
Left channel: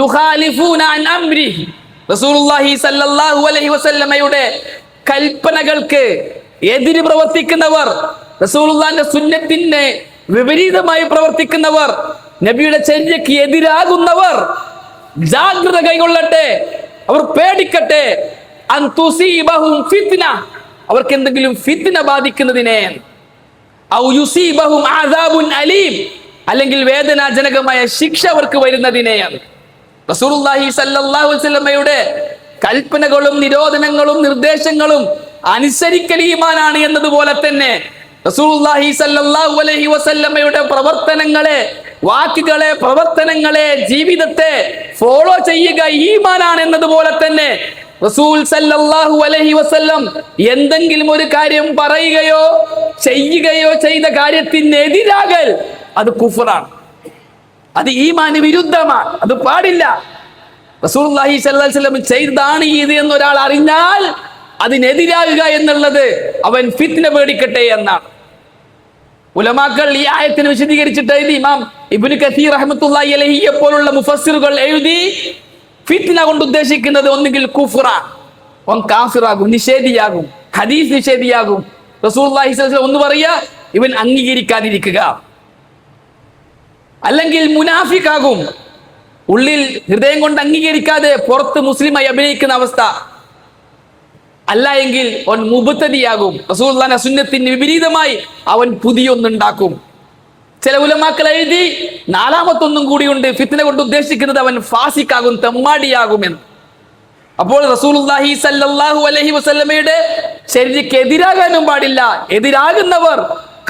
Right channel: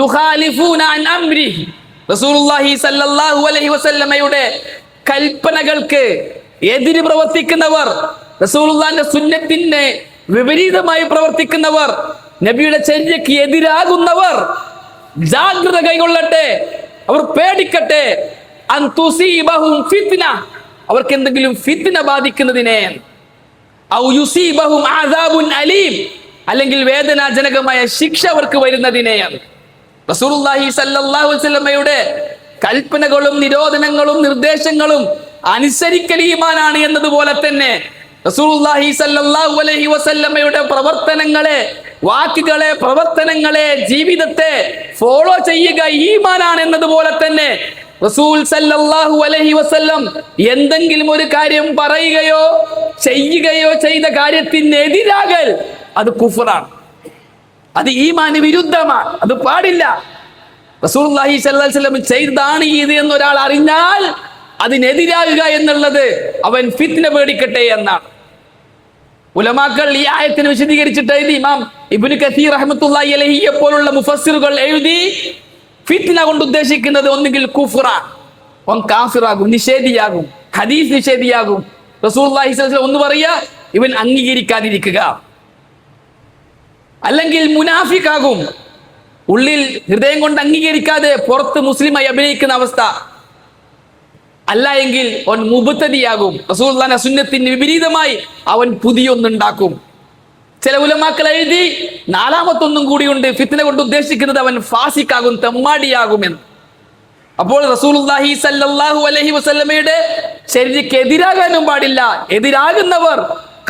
യുഖാലിഫൂന അൻ അംരിഹി. റസൂലുള്ളാഹി സ്വല്ലല്ലാഹു അലൈഹി വസല്ലമയുടെ കൽപ്പനകൾക്ക് എതിര് പ്രവർത്തിക്കുന്നവർ, റസൂലുള്ളാഹിന്റെ സുന്നത്തിന് വിപരീതമായി പ്രവർത്തിക്കുന്നവർ, നബിയുടെ ചര്യക്ക് എതിരാകുന്നവർ ജാഗ്രത കൈകൊള്ളട്ടെ, അവർ പേടിക്കട്ടെ. അൻ തുസീബഹും ഫിത്ന, അവർക്ക് എന്തെങ്കിലും ഫിത്ന ബാധിക്കുന്നതിനെ, ഔ യുസീബഹും അദാബുൻ അലീം, അല്ലെങ്കിൽ വേദനാജനകമായ ശിക്ഷ അവർക്ക് വരുന്നതിനെയാണ്. റസൂലുള്ളാഹി സ്വല്ലല്ലാഹു അലൈഹി വസല്ലമയുടെ കൽപ്പനകളും നിരോധനങ്ങളും നിർദ്ദേശങ്ങളും അനുസരിക്കൽ ഈമാനാണ് എന്നതുപോലെ തന്നെ റസൂലുള്ളാഹി സ്വല്ലല്ലാഹു അലൈഹി വസല്ലമയുടെ പ്രവർത്തനങ്ങളെ, വാക്കുകളെ, പ്രവർത്തനങ്ങളെ, ജീവിതത്തെ ഫോളോ ചെയ്യുക ഈമാനാണ് എന്നതുപോലെ തന്നെ റസൂൽ സല്ലല്ലാഹു അലൈഹി വസല്ലം എന്തെങ്കിലും ഒരു കാര്യം പറയുകയോ ചെയ്യുകയോ ചെയ്ത കാര്യത്തിനെതിരാകൽ അത് കുഫ്റാണ്, അത് ഈമാന് വിരുദ്ധമാണ്, അത് പാടില്ല. റസൂലുള്ളാഹി സ്വല്ലല്ലാഹു അലൈഹി വസല്ലം ചെയ്തതാണ് ഇത് എന്നൊരാൾ അറിഞ്ഞാൽ അതിനെതിരാകുക എന്നുള്ളത് അവൻ ഫിത്ന പേടിക്കട്ടെ എന്നാണ്. ഉലമാക്കൾ ഈ ആയത്തിനെ വിശദീകരിച്ചിട്ട് എഴുതി. ഇമാം ഇബ്നു കസീർ റഹ്മത്തുള്ളാഹി അലൈഹിയെ പോലുള്ള മുഫസ്സിറുകൾ എഴുതി, ഫിത്ന കൊണ്ട് ഉദ്ദേശിക്കുന്നത് ഒന്നുകിൽ കുഫ്റ, അവൻ കാഫിറാകും, നിഷേധിയാകും, ഹദീസ് നിഷേധിയാകും. റസൂലുള്ളാഹി സ്വല്ലല്ലാഹു അലൈഹി വസല്ലം ഒന്ന് പറയുക, ഇവൻ അംഗീകരിക്കാതിരിക്കുക, അല്ലെങ്കിൽ മുനാഫിക്കാകും, ഉള്ളിൽ ഹൃദയം കൊണ്ട് അംഗീകരിക്കാതെ പുറത്ത് മുസ്ലിമായി അഭിനയിക്കുന്ന അവസ്ഥ. അല്ല എങ്കിൽ അവൻ മുബ്തദിയാകും, റസൂലുള്ളാഹിന്റെ സുന്നത്തിന് വിപരീതമായി അവൻ പുതിയൊന്നുണ്ടാക്കും. ചില ഉലമാക്കൾ എഴുതി നാലാമത്തൊന്നും കൂടിയുണ്ട്, ഫിത്ന കൊണ്ട് ഉദ്ദേശിക്കുന്നത് അവൻ ഫാസിക്കാകും, തെമ്മാടിയാകുമെന്ന്. അപ്പോൾ റസൂലുള്ളാഹി സ്വല്ലല്ലാഹു അലൈഹി വസല്ലമയുടെ ശരീരക്ക് എതിരാകാനും പാടില്ല. എതിരാകുന്നവർ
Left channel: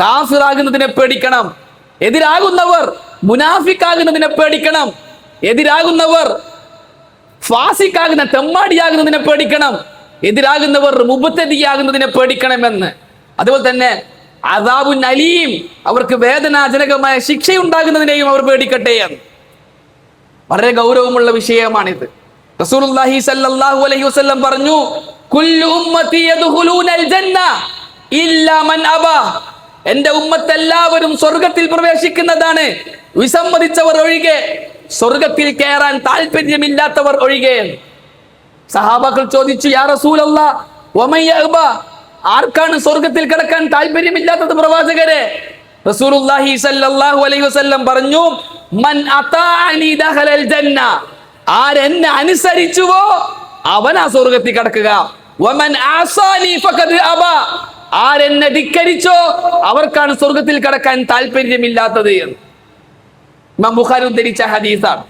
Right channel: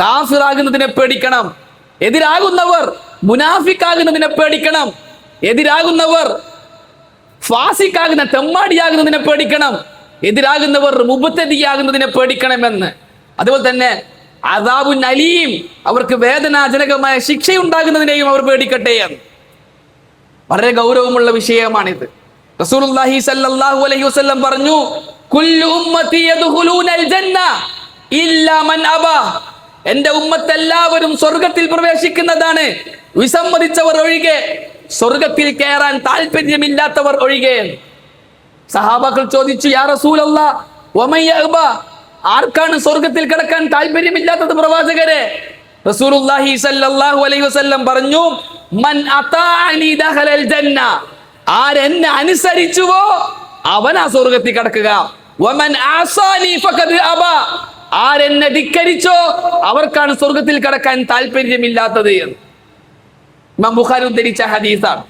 കാഫിറാകുന്നതിനെ പേടിക്കണം, എതിരാകുന്നവർ മുനാഫിക്കാകുന്നതിനെ പേടിക്കണം, എതിരാകുന്നവർ ഫാസിക്കാകുന്ന തെമ്മാടിയാകുന്നതിനെ പേടിക്കണം, എതിരാകുന്നവർ മുബ്തദിയാകുന്നതിനെ പേടിക്കണമെന്ന്. അതുപോലെ തന്നെ അദാബുൻ അലീം, അവർക്ക് വേദനാജനകമായ ശിക്ഷയുണ്ടാകുന്നതിനെയും അവർ പേടിക്കട്ടെ എന്ന്. വളരെ ഗൗരവമുള്ള വിഷയമാണിത്. റസൂലുള്ളാഹി സ്വല്ലല്ലാഹു അലൈഹി വസല്ലം പറഞ്ഞു, കുല്ലു ഉമ്മത്തി യദ്ഖുലൂനൽ ജന്ന ഇല്ലാ മൻ അബാ. എന്റെ ഉമ്മത്ത് എല്ലാവരും സ്വർഗ്ഗത്തിൽ പ്രവേശിക്കുന്നതാണ്, വിസമ്മതിച്ചവർ ഒഴികെ, സ്വർഗ്ഗത്തിൽ കയറാൻ താല്പര്യമില്ലാത്തവർ ഒഴികെ. സഹാബാക്കൾ ചോദിച്ചു, യാ റസൂലല്ലാഹ് വമൻ യഅബാ, ആർക്കാണ് സ്വർഗ്ഗത്തിൽ കിടക്കാൻ താല്പര്യമില്ലാത്തത് പ്രവാചകരെ? റസൂലുള്ളാഹി സ്വല്ലല്ലാഹു അലൈഹി വസല്ലം പറഞ്ഞു, മൻ അതാഅനി ദഖലൽ ജന്ന, ആരെന്നെ അനുസരിച്ചുവോ അവനാ സ്വർഗത്തിൽ കടക്കുക. വമൻ ആസാനി ഫഖദ് അബാ, ആരെന്നെ ധിക്കരിച്ചോ അവർക്കാണ് സ്വർഗത്തിൽ കടക്കാൻ താല്പര്യമില്ലാത്തത് എന്ന് ഇമാം ബുഖാരി ഉദ്ധരിച്ച ഹദീസാണ്.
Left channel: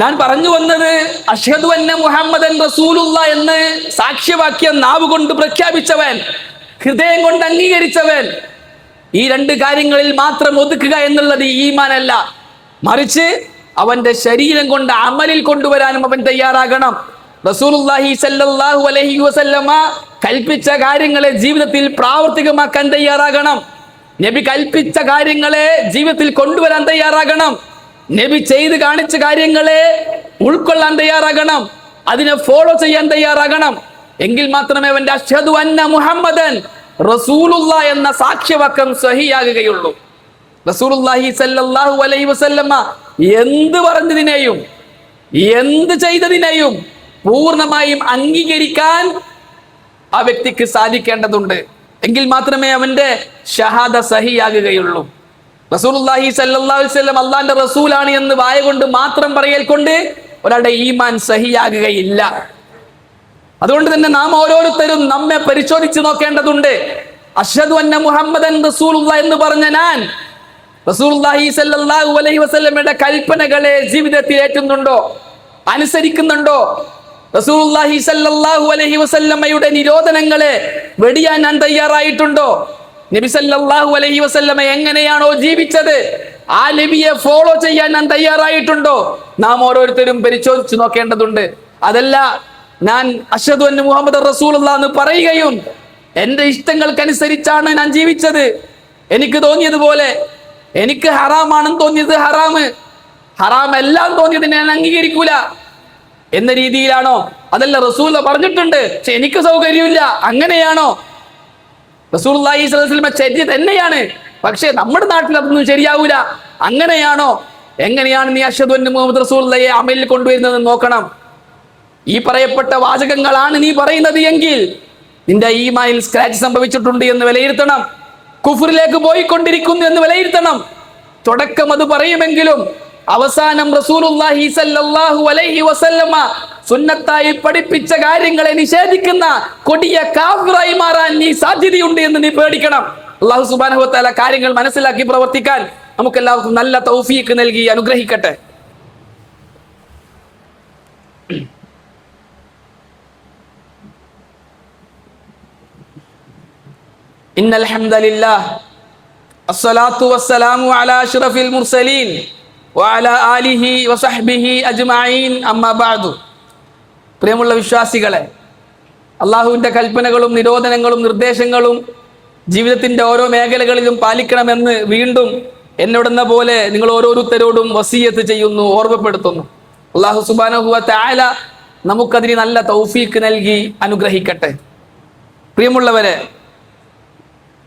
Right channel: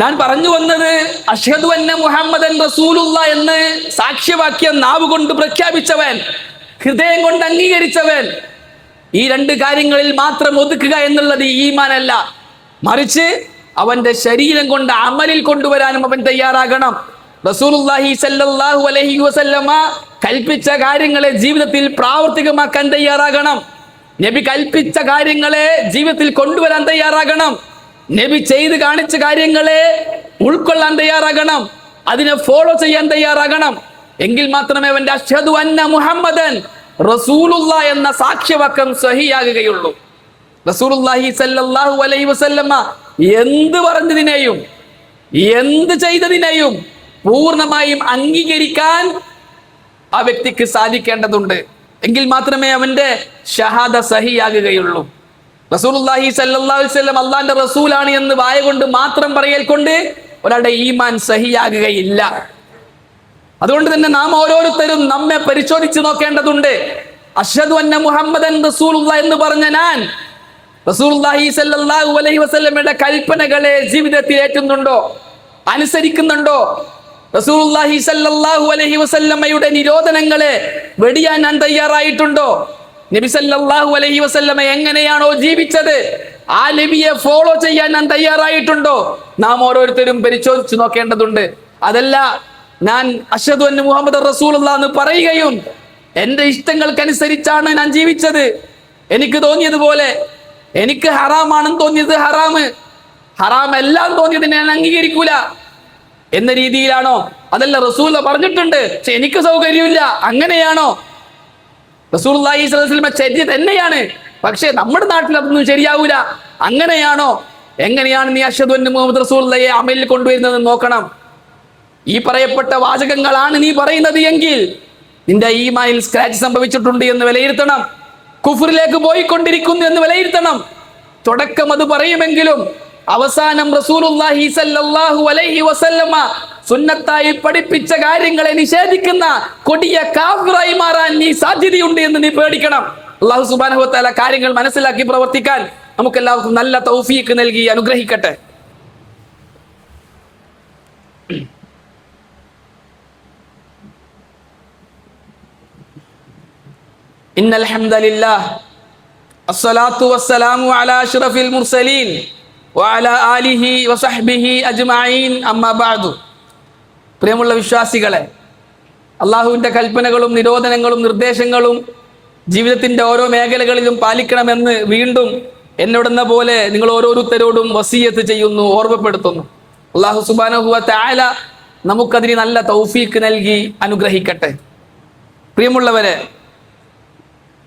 ഞാൻ പറഞ്ഞു വന്നത് അഷ്ഹദു അന്ന മുഹമ്മദൻ റസൂലുള്ളാ എന്ന് സാക്ഷ്യവാക്യം നാവ് കൊണ്ട് പ്രഖ്യാപിച്ചവൻ, ഹൃദയം കൊണ്ട് അംഗീകരിച്ചവൻ, ഈ രണ്ട് കാര്യങ്ങളിൽ മാത്രം ഒതുക്കുക എന്നുള്ളത് ഈമാനല്ല, മറിച്ച് അവന്റെ ശരീരം കൊണ്ട് അമലിൽ കൊണ്ടുവരാനും അവൻ തയ്യാറാകണം. റസൂലുള്ളാഹി സ്വല്ലല്ലാഹു അലൈഹി വസല്ലമ കൽപ്പിച്ച കാര്യങ്ങളെ ജീവിതത്തിൽ പ്രാവർത്തികമാക്കാൻ തയ്യാറാകണം. നബി കൽപ്പിച്ച കാര്യങ്ങളെ ജീവിതത്തിൽ കൊണ്ടുവരാൻ തയ്യാറാകണം. നബി ചെയ്ത് കാണിച്ച കാര്യങ്ങളെ ഉൾക്കൊള്ളാൻ തയ്യാറാകണം. അതിനെ ഫോളോ ചെയ്യാൻ തയ്യാറാകണം. എങ്കിൽ മാത്രമേ അവന്റെ അഷ്ഹദു അന്ന മുഹമ്മദൻ റസൂലുള്ളാ എന്ന സാക്ഷ്യവാക്യം സഹിയാകുകയുള്ളൂ. റസൂലുള്ളാഹി സ്വല്ലല്ലാഹു അലൈഹി വസല്ലമ എന്ത് പറഞ്ഞതിനെയും എന്ത് ചെയ്തതിനെയും പൂർണ്ണമായും അംഗീകരിക്കാൻ ആ വ്യക്തിക്ക് സാധിക്കേണ്ടതുണ്ട്. എങ്കിൽ മാത്രമേ അവന്റെ ഷഹാദ സഹിയാകുകയുള്ളൂ. റസൂലുള്ളാഹി സ്വല്ലല്ലാഹു അലൈഹി വസല്ലം അല്ലാഹുവിന്റെ റസൂലാണ് എന്ന് വായ കൊണ്ട് മാത്രം പറയൽ കൊണ്ട് ഒരാളുടെ ഈമാൻ സഹിയാകുകയില്ല. അതുകൊണ്ട് തന്നെ നാം ഓരോരുത്തരും നമ്മെ പരിശോധിച്ച് നോക്കേണ്ടതുണ്ട്. അഷ്ഹദു അന്ന മുഹമ്മദൻ റസൂലുള്ളാ എന്ന് പറഞ്ഞ ഞാൻ റസൂലുള്ളാഹി സ്വല്ലല്ലാഹു അലൈഹി വസല്ലമയുടെ കൽപ്പനകളെ ജീവിതത്തിൽ ഏറ്റുന്നുണ്ടോ, അനുസരിക്കുന്നുണ്ടോ? റസൂലുള്ളാഹി സ്വല്ലല്ലാഹു അലൈഹി വസല്ലമയുടെ നിരോധനങ്ങളെ വെടിയാൻ ഞാൻ തയ്യാറായിട്ടുണ്ടോ? നബി സല്ലല്ലാഹു അലൈഹി വസല്ലമ എങ്ങനെയാണോ ജീവിച്ചത് ആ നബിയെ ഫോളോ ചെയ്യാൻ ഞാൻ തയ്യാറായിട്ടുണ്ടോ? നാം ഓരോരുത്തരും പരിശോധിച്ച് നോക്കേണ്ടതുണ്ട്. അതല്ല ഞാൻ അഷ്ഹദു അന്ന മുഹമ്മദ് റസൂലുള്ളാഹി എന്ന് പറയുകയും എന്റെ ഇഷ്ടങ്ങൾക്കനുസരിച്ചാണ് ഞാൻ ജീവിച്ചത്, എനിക്ക് തോന്നിയതുപോലെ, എനിക്ക് ഹറാമാണെന്ന് തോന്നിയത് ഹറാമ്, ഹറാം എല്ലാം തോന്നിയത് ഞാൻ അംഗീകരിക്കൂല എന്ന രീതിയിലാണോ? അതല്ല റസൂൽ പറഞ്ഞിട്ടുണ്ട് പക്ഷെ എനിക്ക് സൗകര്യമില്ല, അങ്ങനെയാണോ? റസൂലുള്ളാഹി സ്വല്ലല്ലാഹു അലൈഹി വസല്ലം ചര്യ തന്നെയാണ്, പക്ഷെ നമ്മുടെ നാട്ടിൽ അതൊന്നും ശരിയാവൂല, അങ്ങനെയാണോ? എങ്ങനെയാണ് നീ അഷ്ഹദു അന്ന മുഹമ്മദ് റസൂലുള്ളാഹിയെ അമലിൽ കൊണ്ടുവരുന്നത് നോക്കണം. ഈ പറയപ്പെട്ട വാചകങ്ങളാണ് നീ പറയുന്നത് എങ്കിൽ നിന്റെ ഈമാനിൽ സ്ക്രാച്ച് സംഭവിച്ചിട്ടുണ്ട് എന്ന് വിലയിരുത്തണം. കുഫറിലേക്ക് പോയിക്കൊണ്ടിരിക്കുന്നു എന്ന് വിലയിരുത്തണം. തുടക്കം അത് പറയുമെങ്കിലും അവസാനം റസൂലുള്ളാഹി സ്വല്ലല്ലാഹു അലൈഹി വസല്ലമ സുന്നത്തായി പഠിപ്പിച്ച കാര്യങ്ങളെ നിഷേധിക്കുന്ന കൊടിയ കാഫിറായി മാറാൻ നീ സാധ്യതയുണ്ട് എന്ന് നീ പേടിക്കണം. അല്ലാഹു സുബ്ഹാനഹു വ തആല കാര്യങ്ങൾ മനസ്സിലാക്കി പ്രവർത്തിക്കാൻ നമുക്കെല്ലാവർക്കും നല്ല തൗഫീഖ് നൽകി അനുഗ്രഹിക്കട്ടെ. ഇന്നൽ ഹംദലില്ലാഹ് അസ്സലാത്തു വസ്സലാമു അലാ അഷ്റഫിൽ മുർസലീൻ വഅലാ ആലിഹി വസഹ്ബിഹി അജ്മഈൻ അമ്മാ ബഅദു. പ്രിയമുള്ള വിശ്വാസികളെ, അള്ളാഹുവിൻ്റെ കൽപ്പനകളും നിരോധനങ്ങളും നിർദ്ദേശങ്ങളും ജീവിതത്തിൻ്റെ ഓരോ മേഖലകളിലും പാലിക്കണമെന്ന് വീണ്ടും എന്നോടെന്ന പോലെ നിങ്ങൾ ഓരോരുത്തരോടും വസിയത്ത് ചെയ്യുന്നു, ഓർമ്മപ്പെടുത്തുന്നു. അള്ളാഹു സുബ്ഹാനഹു വ തആല നമുക്കതിന് നല്ല തൗഫീഖ് നൽകി അനുഗ്രഹിക്കട്ടെ. പ്രിയമുള്ളവരെ,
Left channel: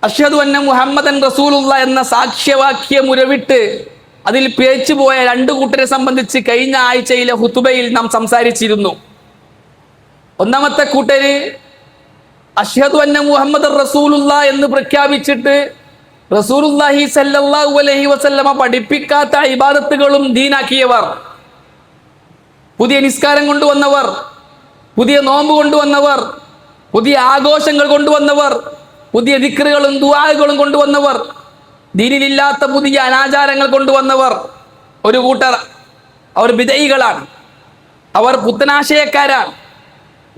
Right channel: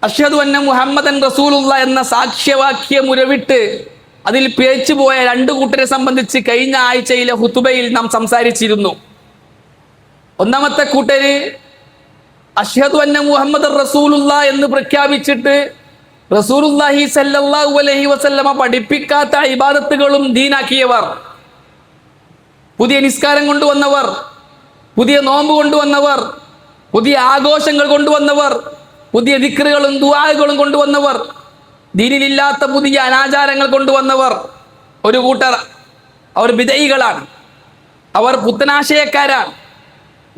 അഷ്ഹദു അന്ന മുഹമ്മദൻ റസൂലുള്ളാ എന്ന സാക്ഷ്യവാക്യം ഉരവിട്ട് അതിൽ പിഴച്ചുപോയ രണ്ടു കൂട്ടരെ സംബന്ധിച്ച് കഴിഞ്ഞ ആഴ്ചയിലെ ഹുതുബയിൽ നാം സംസാരിച്ചിരുന്നു. ഒന്നാമത്തെ കൂട്ടര് അഷ്ഹദു അന്ന മുഹമ്മദൻ റസൂലുള്ളാ എന്ന് പ്രഖ്യാപിച്ചിട്ട് റസൂലുള്ളാഹി സ്വല്ലല്ലാഹു അലൈഹി വസല്ലമ പഠിപ്പിക്കാത്ത ഇബാദത്തുകളും ദീനാക്കിയവർ, പുതിയ നിസ്കാരം കൊണ്ടുവന്നവർ, പുതിയ നോമ്പ് കൊണ്ടുവന്നവർ, പുതിയ ആഘോഷങ്ങൾ കൊണ്ടുവന്നവർ, പുതിയ ദിക്റുകളും ദുആകളും കൊണ്ടുവന്നവർ, ദീനിലില്ലാത്ത പുതിയ അനാചാരങ്ങൾ കൊണ്ടുവന്നവർ ഒരു കൂട്ടർ. അവർ ബിദഈകളാണ്, അവർ പുത്തനാശയക്കാരാണ്.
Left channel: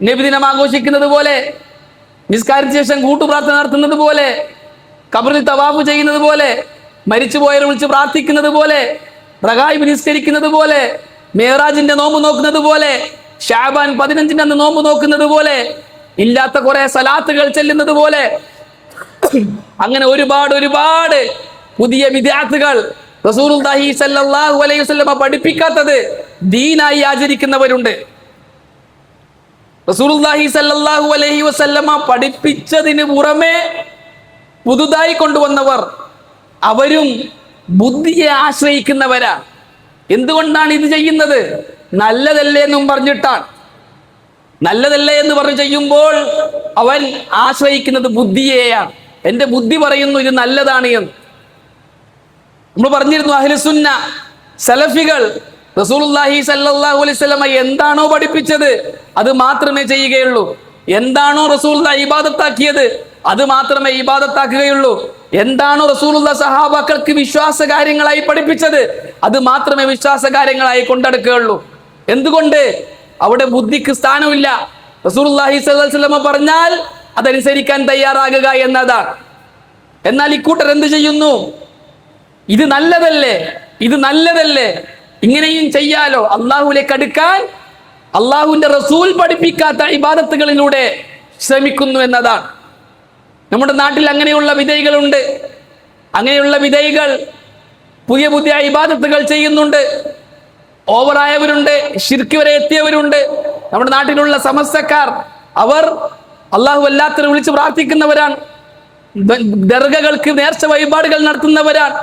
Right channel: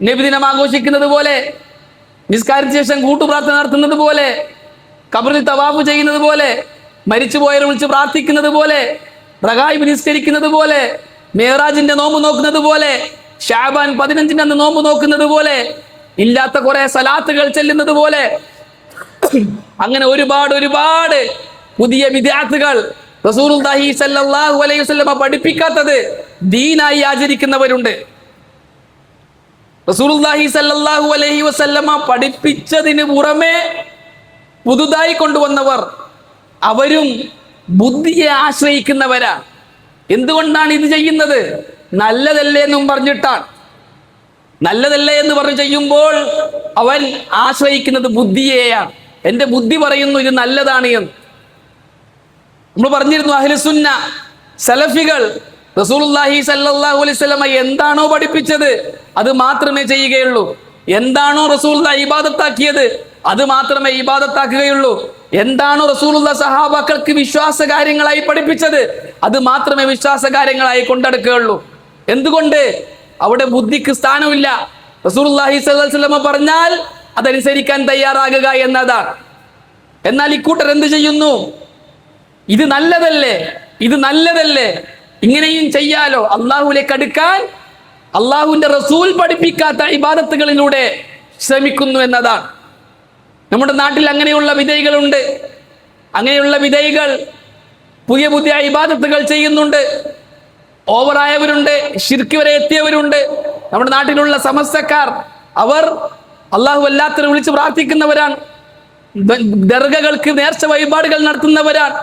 നബിദിനം ആഘോഷിക്കുന്നത് പോലെ, നിസ്കാരത്തിന് ശേഷം കൂട്ടുപ്രാർത്ഥന നടത്തുന്നത് പോലെ, ഖബറിൽ തവാഫ് ചെയ്യുന്നത് പോലെ, മരിച്ചുപോയവരെ വിളിച്ച് പ്രാർത്ഥിക്കുന്നത് പോലെ, റഗായിബ് നിസ്കരിക്കുന്നത് പോലെ, മേറാജിന്റെ നോമ്പ് നോക്കുന്നത് പോലെ, ഷാബാൻ 15 അന്ന് നോമ്പ് നോക്കുന്നത് പോലെ, ഇല്ലാത്ത കുറെ സലാത്തുകൾ ചെല്ലുന്നത് പോലെ, അങ്ങനെ ഒരുപാട് പുതിയ വിദ്യാർത്ഥികൾ റസൂലുള്ളാഹി സ്വല്ലല്ലാഹു അലൈഹി വസല്ലമ പഠിപ്പിക്കാത്തത് ദീനായി ആചരിക്കുന്നവരുണ്ട്. റസൂലുള്ളാഹി സ്വല്ലല്ലാഹു അലൈഹി വസല്ലമ പഠിപ്പിച്ചതിന് പുറമെ പുതുതായി കൊണ്ടുവന്നവർ, അവരും ബുദ്ധിയെ ആശ്രയിക്കുന്നവരാ. എന്തുകൊണ്ടാണ് ഇത് ചെയ്യുന്നത്? നല്ലതല്ലേ എന്നും പറഞ്ഞിട്ടാണ്. നല്ലതല്ലേ എന്ന് പറഞ്ഞ് ചെയ്യുമ്പോൾ അവൻ ആശ്രയിക്കുന്നത് ബുദ്ധിയെയാണ്. എന്റെ ബുദ്ധി പറയുന്നു ഇത് നല്ലതാണ് എന്ന്. നമ്മൾ പറഞ്ഞിരുന്നു, അഹ്ലുസുന്ന സലഫികൾ റസൂലുള്ളാഹി സ്വല്ലല്ലാഹു അലൈഹി വസല്ലമ എന്താണോ പഠിപ്പിച്ചത് അത് മാത്രമേ ചെയ്യുകയുള്ളൂ. എന്താണോ റസൂലുള്ളാഹി ഇബാദത്താക്കിയത് അത് മാത്രമേ ഇബാദത്താക്കുകയുള്ളൂ. എന്താണോ റസൂലുള്ളാഹി സഹാബാക്കൾക്ക് വിശ്വാസ കാര്യങ്ങളായി പഠിപ്പിച്ചത് അത് മാത്രമേ വിശ്വാസ കാര്യങ്ങളായി കൊണ്ടെടുക്കുകയുള്ളൂ. എന്തുകൊണ്ട്? അവിടെ ബുദ്ധിക്ക് സ്ഥാനമില്ല. റസൂലുള്ളാഹി സ്വല്ലല്ലാഹു അലൈഹി വസല്ലമ പറഞ്ഞാൽ അതനുസരിക്കാൻ തയ്യാറാകുക എന്നതാണ്. എന്നാൽ ഇക്കൂട്ടർ എന്ത് ചെയ്യുന്നു? ഇത് നല്ലതല്ലേ, ഇത് നല്ലതല്ലേ, ഇങ്ങനെയും ചെയ്യാലോ, അള്ളാഹുവിലേക്ക് അടുക്കാൻ അള്ളാഹുവിന്റെ റസൂൽ പഠിപ്പിക്കാത്ത ഇബാദത്തുകളിലൂടെ ശ്രമിക്കുന്നു എന്നതാണ്. നമ്മുടെ നാട്ടിൽ അങ്ങനെയുള്ള വിധേയികളുണ്ട്. അങ്ങനെയുള്ള വിധേയികൾ പുതിയ പുതിയ ഇബാദത്തുകൾ ചെയ്യുന്നുണ്ട്. ഓവറായവരുണ്ട്, ശിർക്ക് വരെ എത്തിയവരുണ്ട്. നമ്മുടെ നാട്ടിലുള്ള സമസ്തക്കാർ അവർ അള്ളാഹു അല്ലാത്തവരെ വിളിച്ച് പ്രാർത്ഥിക്കുന്നവരാണ്. ദർഗകൾക്ക് നേർച്ച വഴിപാടുകൾ നടത്തുന്നവരാണ്.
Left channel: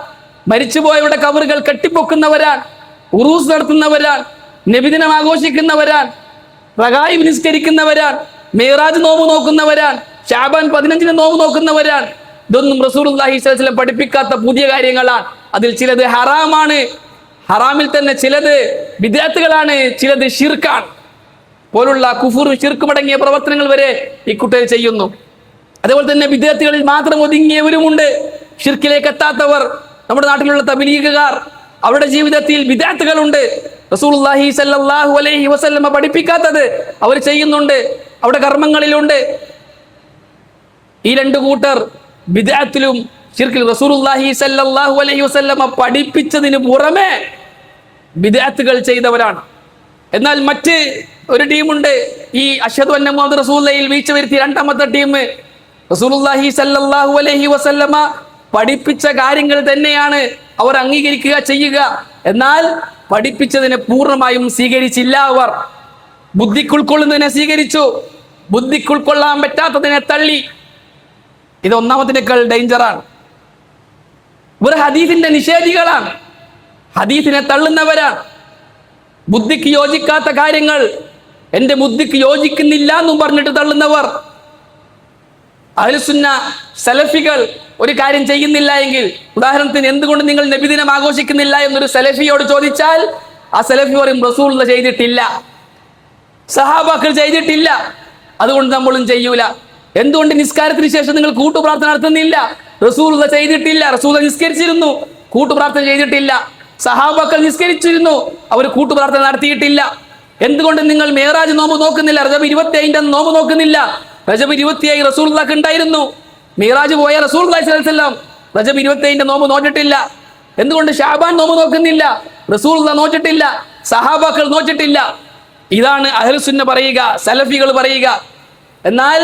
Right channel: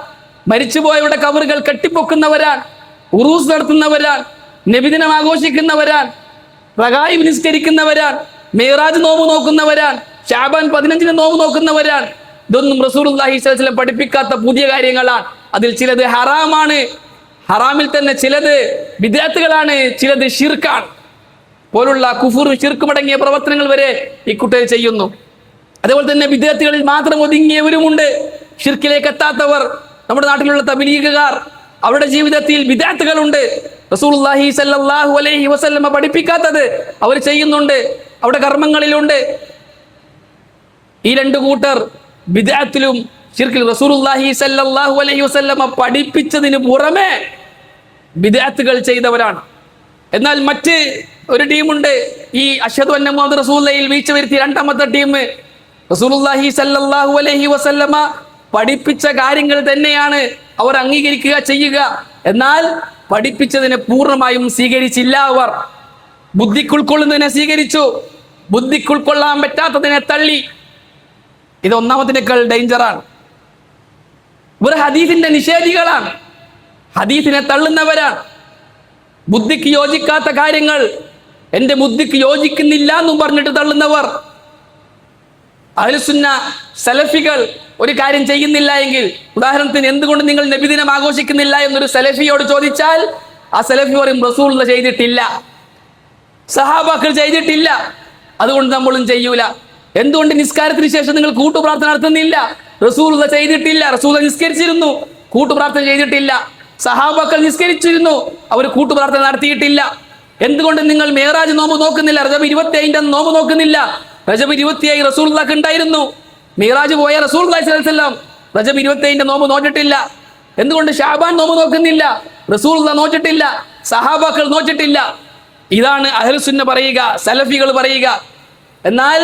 മരിച്ചുപോയവരുടെ കബറുകൾ കെട്ടിപ്പൊക്കുന്നവരാണ്. ഉറൂസ് നടത്തുന്നവരാണ്. നബിദിനം ആഘോഷിക്കുന്നവരാണ്. റഗായിബ് നിസ്കരിക്കുന്നവരാണ്. മിഅ്റാജ് നോമ്പ് നോക്കുന്നവരാണ്. ശഅബാൻ 15 നോമ്പ് നോക്കുന്നവരാണ്. ഇതൊന്നും റസൂലുള്ളാഹി സ്വല്ലല്ലാഹു അലൈഹി വസല്ലം പഠിപ്പിക്കാത്ത പുതിയ കാര്യങ്ങളാണ്. അതിൽ ചിലത് ഹറാമാണ്, ഹറാമിൽ തന്നെ ചിലത് ബിദ്അത്തുകളാണ്, ചിലത് ശിർക്കാണ്. പോലുള്ള കുഫുർ ശിർക്കുമടങ്ങിയ പ്രവർത്തനങ്ങൾ വരെ ഈ കുട്ടികൾ ചെയ്യുന്നു. അതുപോലെ തന്നെ ബിദ്അത്തുകളിൽ മാത്രം ഒതുങ്ങിയവരുമുണ്ട്, ശിർക്കിലേക്ക് എത്താത്തവർ. നമ്മുടെ നാട്ടിലുള്ള തബ്ലീഗുകാർ, അവരുടെ ജീവിതത്തിൽ ബിദ്അത്തുകളുണ്ട്. റസൂലുള്ളാഹി സ്വല്ലല്ലാഹു അലൈഹി വസല്ലമ പഠിപ്പിക്കാത്തത് അവർ ചെയ്യുന്നുണ്ട്, അവരുടെ കർമ്മങ്ങളിലുണ്ട്. ഈ രണ്ട് കൂട്ടർ ബിദ്അത്തിലും ശിർക്കിൽ റസൂലുള്ളാഹി സ്വല്ലല്ലാഹു അലൈഹി വസല്ലമ പഠിപ്പിച്ചതിന് പുറമെ ബിദ്അത്തുകൾ ചെയ്തവരാണ്. എന്നാൽ മറ്റ് ഒരു ടീമുണ്ട്, ഈ അശ്ഹദു അന്ന മുഹമ്മദ് റസൂലുള്ളാഹിയിൽ വീഴ്ച വരുത്തിയ രണ്ടാമത്തെ ടീം. റസൂലുള്ളാഹി സ്വല്ലല്ലാഹു അലൈഹി വസല്ലമ പഠിപ്പിച്ച കാര്യങ്ങൾ തന്നെയാണ് അവർ അംഗീകരിക്കുക, ചെയ്യുക. എന്നാൽ പഠിപ്പിച്ചതിനെ പൂർണ്ണമായും സ്വീകരിച്ചില്ല. അവർ ബുദ്ധിക്കുൾക്കൊള്ളുന്നതിനെ സ്വീകരിച്ചു, ബുദ്ധിക്കുൾക്കൊള്ളാൻ പറ്റാത്തതിനെ തള്ളി. ഇത് ഒന്നാമതിനേക്കാൾ ഡേഞ്ചറാണ്. ഇവർ ഹദീസിന്റെ നിഷേധികളാണ്, ഹദീസിനെ തള്ളുന്നവരാണ്. ബുദ്ധിക്ക് യോജിക്കാത്ത കാര്യങ്ങൾ എന്റെ ബുദ്ധിക്ക് യോജിക്കുന്നില്ല എന്നും പറഞ്ഞിട്ട് തള്ളുന്നവർ. അഹ്ലുസുന്ന സലഫികൾ ഒരു കാര്യം ചെയ്യുന്നില്ല എങ്കിൽ, ഉദാഹരണത്തിന് എന്തുകൊണ്ട് നിങ്ങൾ നബിദിനം ആഘോഷിക്കുന്നില്ല എന്നൊരു സലഫിയോട് ചോദിച്ചാൽ ആ സലഫി പറയും റസൂലുള്ളാഹി ചെയ്തിട്ടില്ല, സഹാബാക്കൾ ചെയ്തിട്ടില്ല, അതുകൊണ്ട് നമ്മളും ചെയ്യൂല. എന്തുകൊണ്ട് നിസ്കാരത്തിന് ശേഷം നിങ്ങൾ കൂട്ടുപ്രാർത്ഥന നടത്തുന്നില്ല? റസൂലുള്ളാഹി ചെയ്തിട്ടില്ല, റസൂലുള്ളാഹി നിസ്കരിച്ചിരുന്നു, കൂട്ടുപ്രാർത്ഥന ചെയ്തിട്ടില്ല. സഹാബാക്കൾ നിസ്കരിച്ചിരുന്നു, അവർ കൂട്ടുപ്രാർത്ഥന നടത്തിയിട്ടില്ല. എന്തുകൊണ്ട് നിങ്ങൾ മിഅ്റാജ് നോമ്പ് നോക്കുന്നില്ല? റജബ് 25 നോമ്പ് നോക്കുന്നില്ല? റജബ് 27 റസൂലുള്ളാഹിക്ക് ഉണ്ടായിരുന്നു. മിഅ്റാജ് പോയ റസൂലുള്ളാഹി സ്വല്ലല്ലാഹു അലൈഹി വസല്ലം റജബ് 25 നോമ്പ് നോറ്റിട്ടില്ല. എന്തുകൊണ്ട് ശഅബാൻ നോമ്പ് നോക്കുന്നില്ല? റസൂലുള്ളാഹി നോറ്റിട്ടില്ല, സഹാബാക്കൾ നോറ്റിട്ടില്ല. ഇതാണ് അഹ്ലുസുന്ന പറയുക, സലഫികൾ പറയുക. എന്നാൽ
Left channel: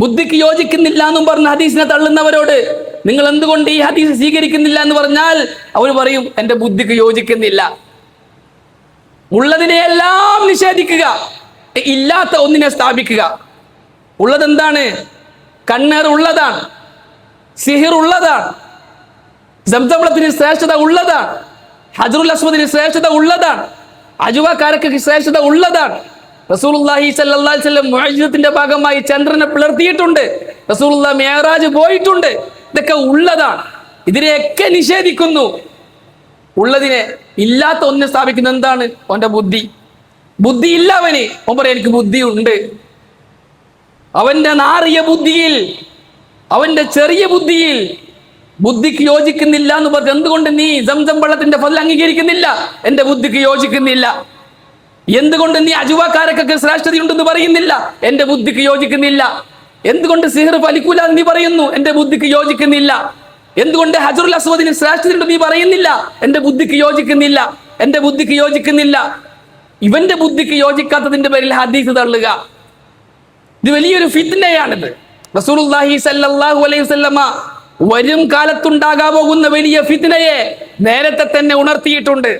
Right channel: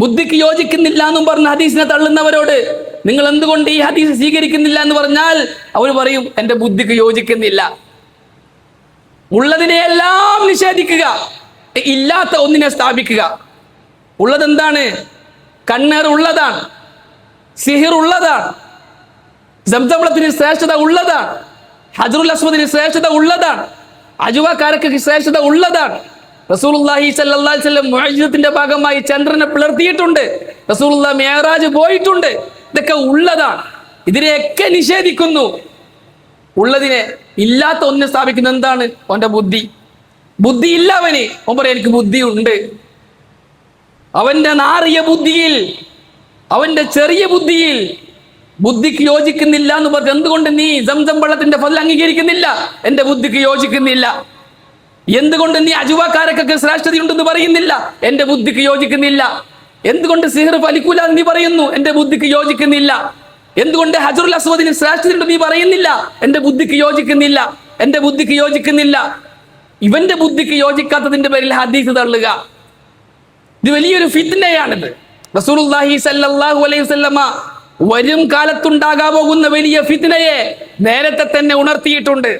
ബുദ്ധിക്ക് യോജിക്കുന്നില്ല എന്നും പറഞ്ഞ ഹദീസിനെ തള്ളുന്നവരോട് നിങ്ങൾ എന്തുകൊണ്ട് ഈ ഹദീസ് സ്വീകരിക്കുന്നില്ല എന്ന് പറഞ്ഞാൽ അവർ പറയും എന്റെ ബുദ്ധിക്ക് യോജിക്കുന്നില്ല. ഉള്ളതിനെയെല്ലാം നിഷേധിക്കുക, ഇല്ലാത്ത ഒന്നിനെ സ്ഥാപിക്കുക. ഉള്ളത് എന്താണ്? കണ്ണേർ ഉള്ളതാണ്, സിഹിർ ഉള്ളതാണ്, സംസംളത്തിന് ശ്രേഷ്ഠത ഉള്ളതാണ്, ഹജറുൽ അസ്വദിന് ശ്രേഷ്ഠത ഉള്ളതാണ്, അജുവക്കാരക്ക് ശ്രേഷ്ഠത ഉള്ളതാണ്. റസൂലുള്ളാഹി സ്വല്ലല്ലാഹു അലൈഹി വസല്ലം മുഅ്ജിസത്തിന്റെ ഭാഗമായി ചന്ദ്രനെ പിളർത്തിയിട്ടുണ്ട്. റസൂലുള്ളാഹി മിഅ്റാജ് പോയിട്ടുണ്ട്. ഇതൊക്കെ ഉള്ളതാണ്. ഇതിനെയൊക്കെ നിഷേധിക്കുന്നു. ഉള്ളതിനെ ഇല്ലാത്ത ഒന്നിനെ സ്ഥാപിക്കുന്ന എന്താണ്? അവന്റെ ബുദ്ധി. ബുദ്ധി ഇല്ല അവന്. അവൻ പറയാം എനിക്ക് ബുദ്ധിയുണ്ട്. അവന്റെ നാറിയ ബുദ്ധിയിൽ, അവന്റെ ചെറിയ ബുദ്ധിയിൽ ബുദ്ധിക്ക് യോജിക്കുന്നില്ല എന്ന് പറഞ്ഞു. എന്തുകൊണ്ട് നീ സംസം വെള്ളത്തിന്റെ ഫലം അംഗീകരിക്കുന്നില്ല? എന്റെ ബുദ്ധിക്ക് യോജിക്കുന്നില്ല. എന്തുകൊണ്ട് നീ അജുവാക്കാരക്കൊക്കെ ശ്രേഷ്ഠതയുണ്ടെന്ന് പറയുന്നില്ല? എന്റെ ബുദ്ധിക്ക് യോജിക്കുന്നില്ല. എന്തുകൊണ്ട് സിഹർ ഫലിക്കൂല എന്ന് നീ പറയുന്നു? എന്റെ ബുദ്ധിക്ക് യോജിക്കുന്നില്ല. എന്തുകൊണ്ട് ഹജറുൽ അസ്വദിന് ശ്രേഷ്ഠതയുണ്ടെന്ന് നീ പറയുന്നില്ല? എന്റെ ബുദ്ധിക്ക് യോജിക്കുന്നില്ല, എന്റെ ബുദ്ധിക്ക് യോജിക്കുന്നില്ല. ഇവന്റെ ബുദ്ധിക്ക് യോജിക്കാത്തതിന്റെ പേരിൽ ഹദീസ് തള്ളുക, ഇത് വലിയൊരു ഫിത്നയാണിത്. റസൂലുള്ളാഹി സ്വല്ലല്ലാഹു അലൈഹി വസല്ലമ വരും കാലത്തുണ്ടാകാൻ പോകുന്ന വലിയ ഫിത്നയെ നേരത്തെ തന്നെ ഉണർത്തിയിട്ടുണ്ട്.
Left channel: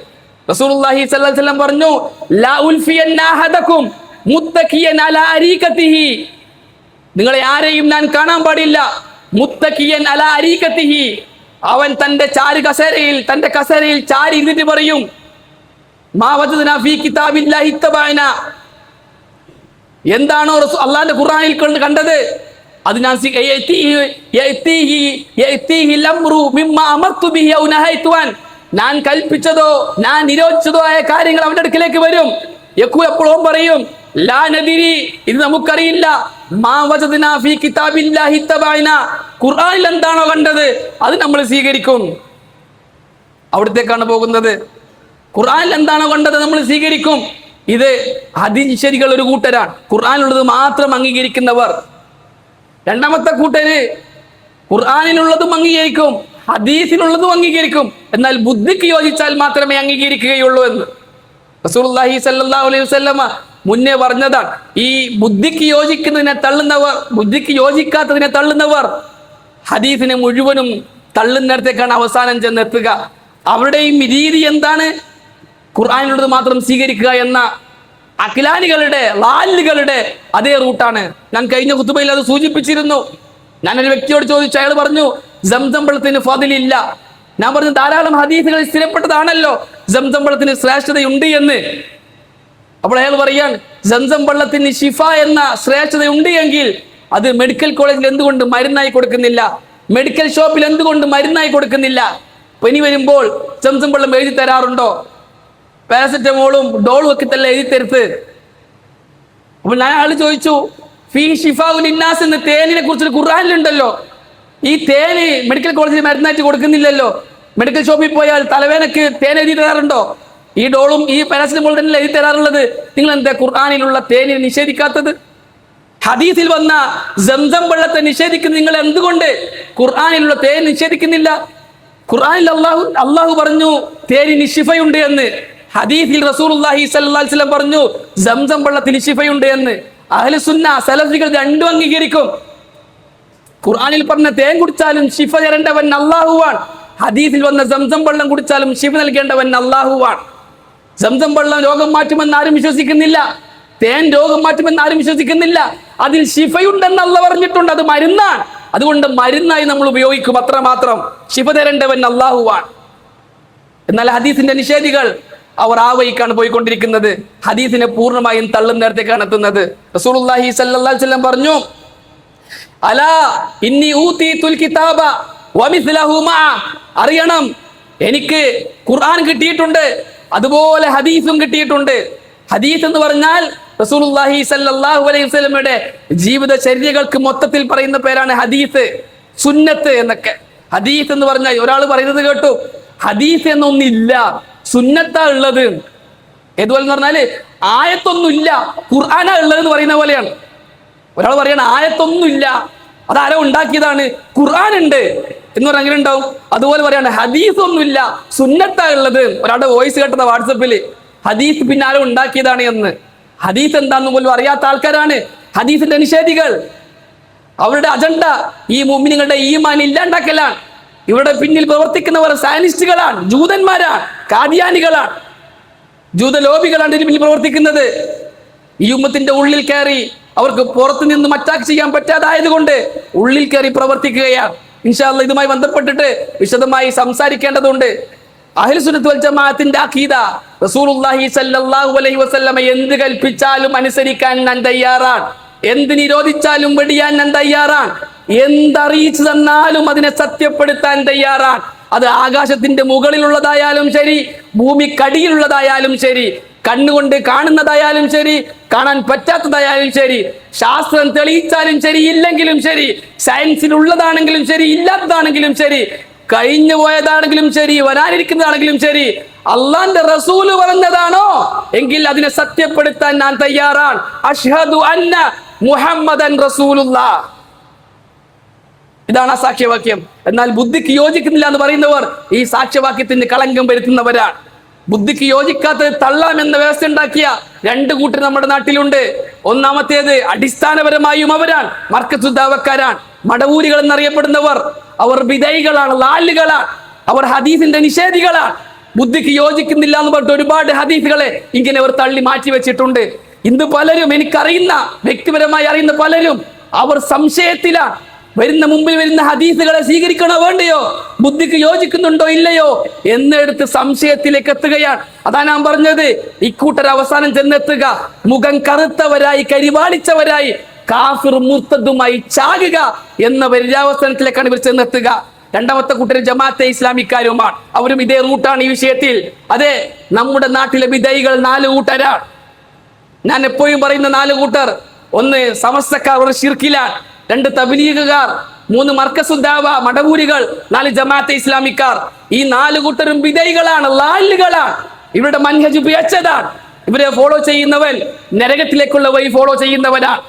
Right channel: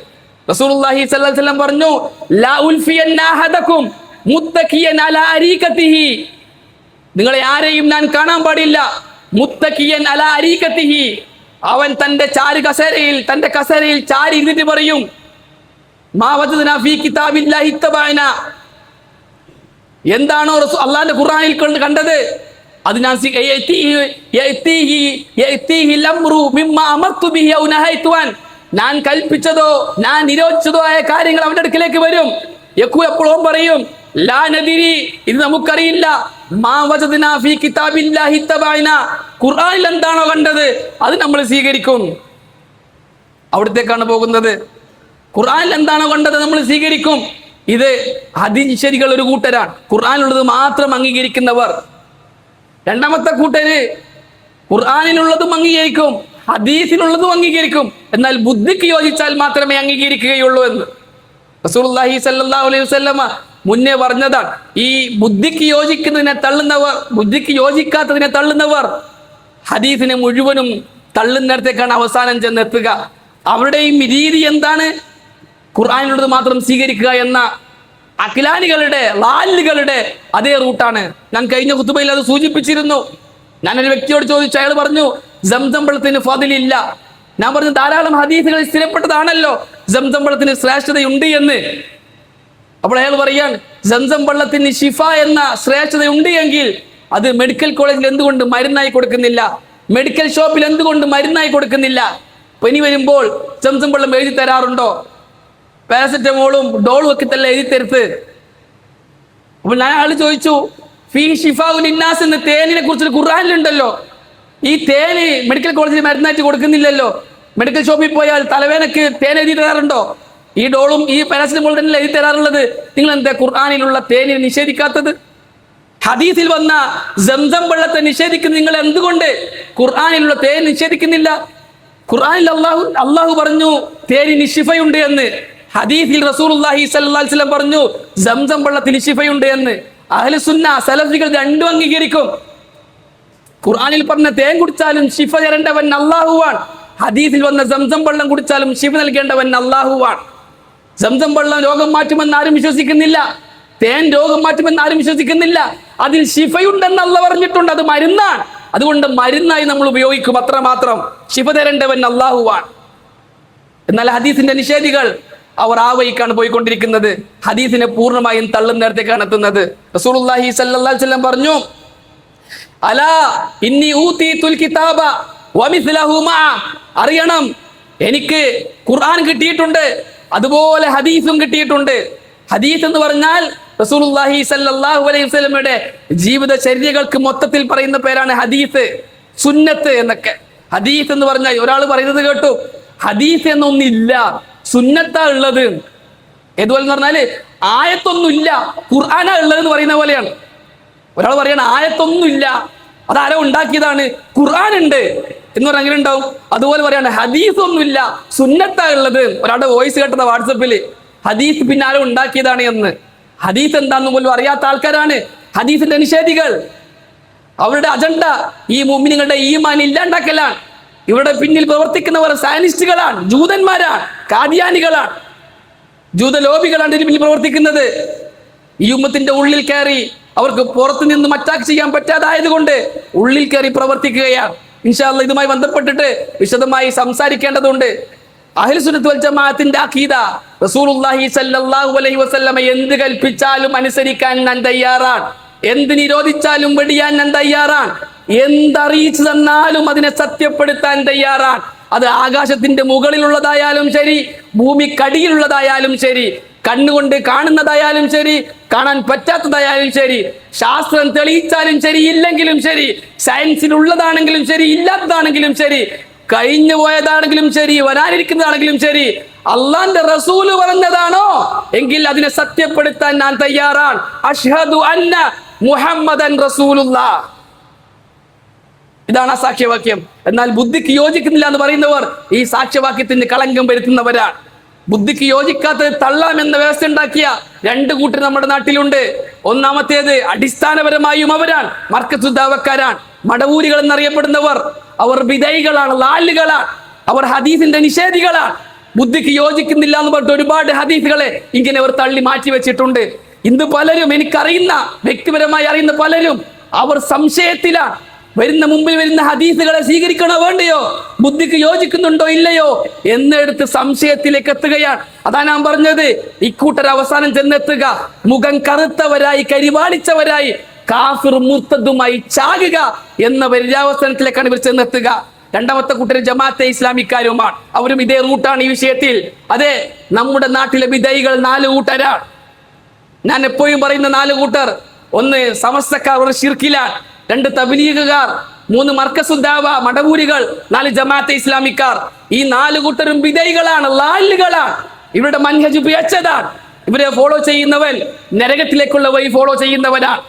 റസൂലുള്ളാഹി സ്വല്ലല്ലാഹു അലൈഹി വസല്ലം പറഞ്ഞു, ലാ ഉൽഫിയന്ന അഹദകും മുത്തഖിയൻ അലാ അരീകതിഹി, നിങ്ങളെ ആരെയും ഞാൻ കാണാൻ പാടില്ല മുത്തഖിയൻ അലാ അരീകതിഹി, അവൻ തന്റെ ചാരു കസേരയിൽ, തന്റെ കസേരയിൽ ചാരി ഇരുന്നിട്ട് പറയും മാ വജദ്നാ ഫീ കിതാബില്ലാഹി ഇത്തബഅനാ, എന്താണോ അള്ളാന്റെ ഖുർആനിൽ കണ്ടത് അത് ഞാൻ ഞാൻ കൽപ്പിച്ചതോ ഞാൻ നിരോധിച്ചതോ ആയ കാര്യങ്ങൾ അവന്റെ അടുക്കിലേക്ക് വരും. യഖൂൽ, എപ്പോഴും പറയും ലാ നദിരി, ഇത് നമുക്കറിയില്ല. മാ വജദ്നാ ഫീ കിതാബില്ലാഹി തബഅനാ, ഖുർആനിൽ എന്താണോ കണ്ടത് അത് നമ്മൾ സ്വീകരിക്കും. അവിടത്തേക്കാണ് പോകുന്നത്. ഖുർആനിൽ എന്താണോ കണ്ടത് നമ്മൾ സ്വീകരിക്കും. ഇത് ഹദീശരികൾ ഒരു കൂട്ടരാണ്, ഖുർആനിലുള്ളത് മാത്രം അംഗീകരിക്കുന്നവർ. രണ്ടാമത്തെ കൂട്ടര് ഖുർആനിലുള്ളതും അംഗീകരിക്കും, ഹദീസിനുള്ളതും അംഗീകരിക്കും, എന്നാൽ ബുദ്ധിക്ക് യോജിച്ചാൽ മാത്രമേ അംഗീകരിക്കുകയുള്ളൂ എന്ന് റസൂലുള്ളാഹി സ്വല്ലല്ലാഹു അലൈഹി വസല്ലമ മുന്നേ പറഞ്ഞതാണ്. ഈ ബുദ്ധിക്ക് യോജിക്കുന്നതിനെ തള്ളുന്നവർ, ബുദ്ധിക്ക് യോജിക്കാത്തതിനെ തള്ളുന്നവർ ഹദീസിനെ മുഴുവനും തള്ളുന്നിടത്തേക്കാണ് അവസാനം ചെന്നെത്തുക. അവരുടെയും രീതി എന്താണ്? ഖുർആനിലുള്ളത് മാത്രം സ്വീകരിക്കുക എന്ന അഖിലാനികളുടെ ലാലുകളുടെ അതേ റൂട്ടാണ്. ഞാൻ കഴിഞ്ഞ ഖുതുബയിൽ അത് സൂചിപ്പിച്ചിരുന്നു. ഞാനൊരു വ്യക്തിയോട് ചോദിച്ചു, അയാൾ പറഞ്ഞു സംസം വെള്ളത്തിന് ഫദിലില്ല. ഞാൻ പറഞ്ഞു ധാരാളം ഹദീസുകൾ സ്ഥിരപ്പെട്ടതാണല്ലോ സംസം വെള്ളത്തിന് ശ്രേഷ്ഠതയുണ്ട് എന്ന്. അപ്പോൾ അയാൾ പറയാൻ, സംസം വെള്ളത്തിന് ഷിഫ എന്ന ശ്രേഷ്ഠതയുണ്ട് എങ്കിൽ അത് മെഡിക്കൽ കോളേജിൽ എന്തുകൊണ്ട് മരുന്നായി കൊടുക്കുന്നില്ല? മെഡിക്കൽ ഷോപ്പിൽ എന്തുകൊണ്ട് മരുന്നായി കൊടുക്കുന്നില്ല? പനി വരുമ്പോൾ സംസം വെള്ളം എഴുതി തരാറുണ്ടോ? പാരസെറ്റമോളും ഡോളും ഒക്കെ തന്നെ എഴുതി തരുത്ത്. അപ്പോൾ ഞാൻ അയാൾ ചോദിച്ചു, ഫീ ഷിഫാഉൻ ലിന്നാസ് എന്ന തേനിനെ കുറിച്ചൊരു ഖുർആനിലുണ്ടല്ലോ. ഈ തേന് മെഡിക്കൽ കോളേജിൽ മരുന്നായിട്ട് കൊടുക്കുന്നില്ലല്ലോ. മെഡിക്കൽ ഷോപ്പിൽ പോയാൽ തലവേനക്ക് തേൻ എഴുതി തരാറുണ്ടോ? ഈ ഡോളും ഈ പാരസെറ്റമോൾ തന്നെ എഴുതി തരാറുള്ളത്. നിങ്ങൾ എന്താ ഖുർആനിലുള്ള തേനിനെ നിഷേധിക്കാത്തത്? ഹദീസിൽ വന്ന സംസം വെള്ളത്തെ നിഷേധിക്കുന്ന നിങ്ങൾ എന്തുകൊണ്ട് ഖുർആനിലുള്ള തേൻ നിഷേധിക്കുന്നില്ല? ഖുർആനിൽ അള്ളാഹു പറഞ്ഞു തേനിന് ശിഫയുണ്ട് എന്ന്. ഹദീസിൽ റസൂലുള്ളാഹി സ്വല്ലല്ലാഹു അലൈഹി വസല്ലം പറഞ്ഞു സംസം വെള്ളത്തിന് ശിഫയുണ്ട് എന്ന്. അഹ്ലു സുന്ന സലഫികൾ രണ്ടും അംഗീകരിക്കും. ഖുർആനിൽ പറഞ്ഞ തേൻ കുടിച്ചാലും ശിഫ തരേണ്ടവൻ അള്ളാഹുവാണ്. ഹദീസിൽ വന്ന സംസം വെള്ളം കുടിച്ചാലും ശിഫ നൽകേണ്ടവൻ അള്ളാഹുവാണ്. സംസം വെള്ളം രോഗം മാറ്റുമെന്ന് ആരും വിശ്വസിക്കുന്നില്ല. തേൻ രോഗം മാറ്റുമെന്ന് ആരും വിശ്വസിക്കുന്നില്ല. അതിൽ ശിഫയുണ്ടെന്ന് അള്ളാഹ് പറഞ്ഞിട്ടുണ്ട്. അത് മരുന്നാണ്. അതുകൊണ്ട് മരുന്നായി നമ്മൾ ഉപയോഗിക്കും, അത്രമാത്രം. ശിഫ തരേണ്ടവൻ അള്ളാഹുവാണ്. എന്നാൽ ഹദീസിന്റെ നിഷേധികൾ അവർ ആ വഴിക്കാണ് പോയിക്കൊണ്ടിരിക്കുന്നത്. ഹദീസിനെ പൂർണ്ണമായും തള്ളുന്നിടത്തേക്കാണ് എത്തുന്നത്. റസൂലുള്ളാഹി സ്വല്ലല്ലാഹു അലൈഹി വസല്ലം പറഞ്ഞു, അലാ ഇന്നി ഊതീതുൽ കിതാബ വമിസ്ലഹു മഅ, അറിയണം എനിക്ക് ഖുർആൻ കിട്ടിയിട്ടുണ്ട്, അതുപോലെ ഹദീസും കിട്ടിയിട്ടുണ്ട്. ഹദീസ് എന്ന് പറഞ്ഞാൽ റസൂലുള്ളാഹി സ്വല്ലല്ലാഹു അലൈഹി വസല്ലമയുടെ ജീവിതചര്യകൾക്ക് മൊത്തത്തിൽ പറയുന്ന പേരാണ് ഹദീസ്, സുന്നത്ത് എന്നൊക്കെ. ഹദീസ് എന്ന് പറഞ്ഞാൽ ഒരാൾ പറയുന്നത് കേട്ടു, ഹദീസ് എന്നൊന്നില്ല, സുന്നത്താ ഉള്ളത്. ഏതുപോലെ എന്ന് പറഞ്ഞാല് ആയത്തൊന്നുമില്ല, ഖുർആനാ ഉള്ളത് എന്ന് പറയുന്ന പോലെയാണ്. ഒരാൾ പറയണ ആയത്തൊന്നുമില്ല, അതാരോ ഉണ്ടാക്കിയതാണ്, ഖുർആൻ ഉണ്ട് എന്ന് പറഞ്ഞാൽ അങ്ങനെ ഉണ്ടാവും. അതുപോലെ പറയാണ് ഹദീസ് ഒന്നുമില്ല, സുന്നത്താ ഉള്ളത്. ഒരാളുടെ വോയിസ് കേട്ടത് വാട്സപ്പിൽ, ഹദീസ് പിന്നെ ആരോ ഉണ്ടാക്കിയതാണ് എന്ന്. ഹദീസ് എന്താന്ന് പോലും അറിയാത്ത ആൾക്കാരാണ് ഹദീസിന്റെ നിഷേധികൾ. അവരുടെ അജണ്ട ഈ മുഅ്മിനീങ്ങളുടെ ഈമാൻ ഇല്ലാണ്ടാക്കലാണ്. ഇവരുടെ പിന്നിൽ പ്രവർത്തിക്കുന്നവർ സയനിസ്റ്റുകളാണ്, ജൂതന്മാരാണ്, കാദിയാനികളാണ്, ജൂതലോബികളാണ് ഇതിന് പിന്നിൽ പ്രവർത്തിക്കുന്നത്. ഈ ഉമ്മത്തിന്റെ ഉള്ളിൽ കയറി അവർക്ക് പുറത്തു നിന്ന് അറ്റാക്ക് ചെയ്യാൻ പറ്റാതായത് കൊണ്ട് ഉള്ളിൽ കയറി പ്രവർത്തിക്കുകയാണ്. ഇൻഷാ അല്ലാഹ് ഇതുമായി ബന്ധപ്പെട്ടിട്ട് വിശദമായി സംസാരിക്കേണ്ടതുണ്ട്. അഹ്ലു സുന്നത്ത് വൽ ജമാഅത്തിന്റെ അഖീദ, റസൂലുള്ളാഹി സ്വല്ലല്ലാഹു അലൈഹി വസല്ലമ എന്ത് കൽപ്പിച്ചാലും അനുസരിക്കാൻ ഞാൻ തയ്യാറാണ്, എന്ത് നിരോധിച്ചാലും വെടിയാൻ ഞാൻ തയ്യാറാണ്, എന്തറിയിച്ചു തന്നാലും അതിനെ സത്യപ്പെടുത്താൻ തയ്യാറാണ്. അത് ആകാശത്തിന്റെ മുകളിലുള്ളതായാലും ശരി, ഭൂമിക്കടിയിലുള്ളതായാലും ശരി, കണ്ണുകൊണ്ട് കാണുന്നതായാലും ശരി, കാണാൻ പറ്റാത്തതായാലും ശരി, ശാസ്ത്രം തെളിയിച്ചാലും ശരി, ഇല്ലെങ്കിലും ശരി, സയൻസിലുള്ളതാണെങ്കിലും ശരി, ഇല്ലാത്തതാണെങ്കിലും ശരി, കഴിഞ്ഞു പോയതാണെങ്കിലും ശരി, വരാനിരിക്കുന്നതാണെങ്കിലും ശരി, അള്ളാന്റെ റസൂല് പറഞ്ഞതാണോ എങ്കിൽ അതിനെ സത്യപ്പെടുത്താൻ ഞാൻ തയ്യാറാണ്. അഷ്ഹദു അന്ന മുഹമ്മദൻ റസൂലുള്ളാഹ്. ഇതാണ് ആ സാക്ഷ്യവാക്യം. എന്നാൽ ബുദ്ധിക്ക് യോജിക്കുന്നില്ല എന്ന് പറയുന്നവർ ഈ സാക്ഷ്യവാക്യത്തിന് കളങ്കം വരുത്തുന്നവരാണ്. ബുദ്ധിക്ക് യോജിക്കാത്തത് തള്ളാമെന്ന വ്യവസ്ഥ ഉണ്ടാക്കിയ രണ്ട് കൂട്ടർ നമ്മുടെ നാട്ടിലുണ്ട്. ഒന്നാമത്തേത് അടിസ്ഥാനപരമായും അവരാണ് മർക്കസുദ്ദാവക്കാരാണ്, മടവൂരികൾ എന്നറിയപ്പെടുന്നവർ. അവർ വിധേയികളാണ്, ലാലുകളാണ്, അവർ ഹദീസിന്റെ നിഷേധികളാണ്. ബുദ്ധിക്ക് യോജിക്കുന്നില്ല എന്ന് പറഞ്ഞിട്ട് ഒരുപാട് ഹദീസുകളെ ഇങ്ങനെ അവർ തള്ളി മാറ്റി വെച്ചിട്ടുണ്ട്. ഇന്ന് പലരും, എനിക്കറിയുന്ന വ്യക്തിപരമായി അറിയുന്ന പലരും, അവർ സംശയത്തിലാണ്. മുമ്പിൽ വരുന്ന ഹദീസുകളെ സ്വീകരിക്കണോ വേണ്ടയോ, ബുദ്ധിക്ക് യോജിക്കുന്നുണ്ടോ ഇല്ലയോ എന്നെടുത്ത് സംശയത്തിലേക്ക് എത്തുകയാണ്. അതാ ഞാൻ പറഞ്ഞത്, ഇക്കൂട്ടർ അവസാനം ചെന്നെത്തുക മുഖം കറുത്തവരായി, കരിവാളിച്ചവരായി, കാഫിർ മുർത്തദുമായി ചാകുക എന്ന പര്യാവസാനത്തിലേക്കാണ് ഇവർ ചെന്നെത്തുക. രണ്ടാമത്തെ കൂട്ടർ ജമാഅത്തെ ഇസ്ലാമിക്കാരുമാണ്. അവരും ഇതേ റൂട്ടാണ് ഈ വിഷയത്തിൽ. അതെ, നമ്മുടെ നാട്ടിലെ വിധേയികൾ 4 കൂട്ടരാണ്. ഞാൻ എപ്പോഴും പറയുന്ന 4 കൂട്ടർ: 1 സമസ്തക്കാർ, ഒരു ശിർക്കിലാണ്; 2 തബ്ലീഗുകാർ; 3 മർക്കസുദ്ദാവ മടവൂരികൾ; 4 ജമാഅത്തെ ഇസ്ലാമിക്കാർ. ഈ 4 കൂട്ടരും വിധേയികളാണ്, ലാലുകളാണ്. ഇവരുടെ മൻഹജ് പിഴച്ചതാണ്. ഇവരെ ഫോളോ ചെയ്യുന്നവൻ നരകത്തിലേക്കുള്ള വഴി ഫോളോ ചെയ്യുന്നവനാണ്.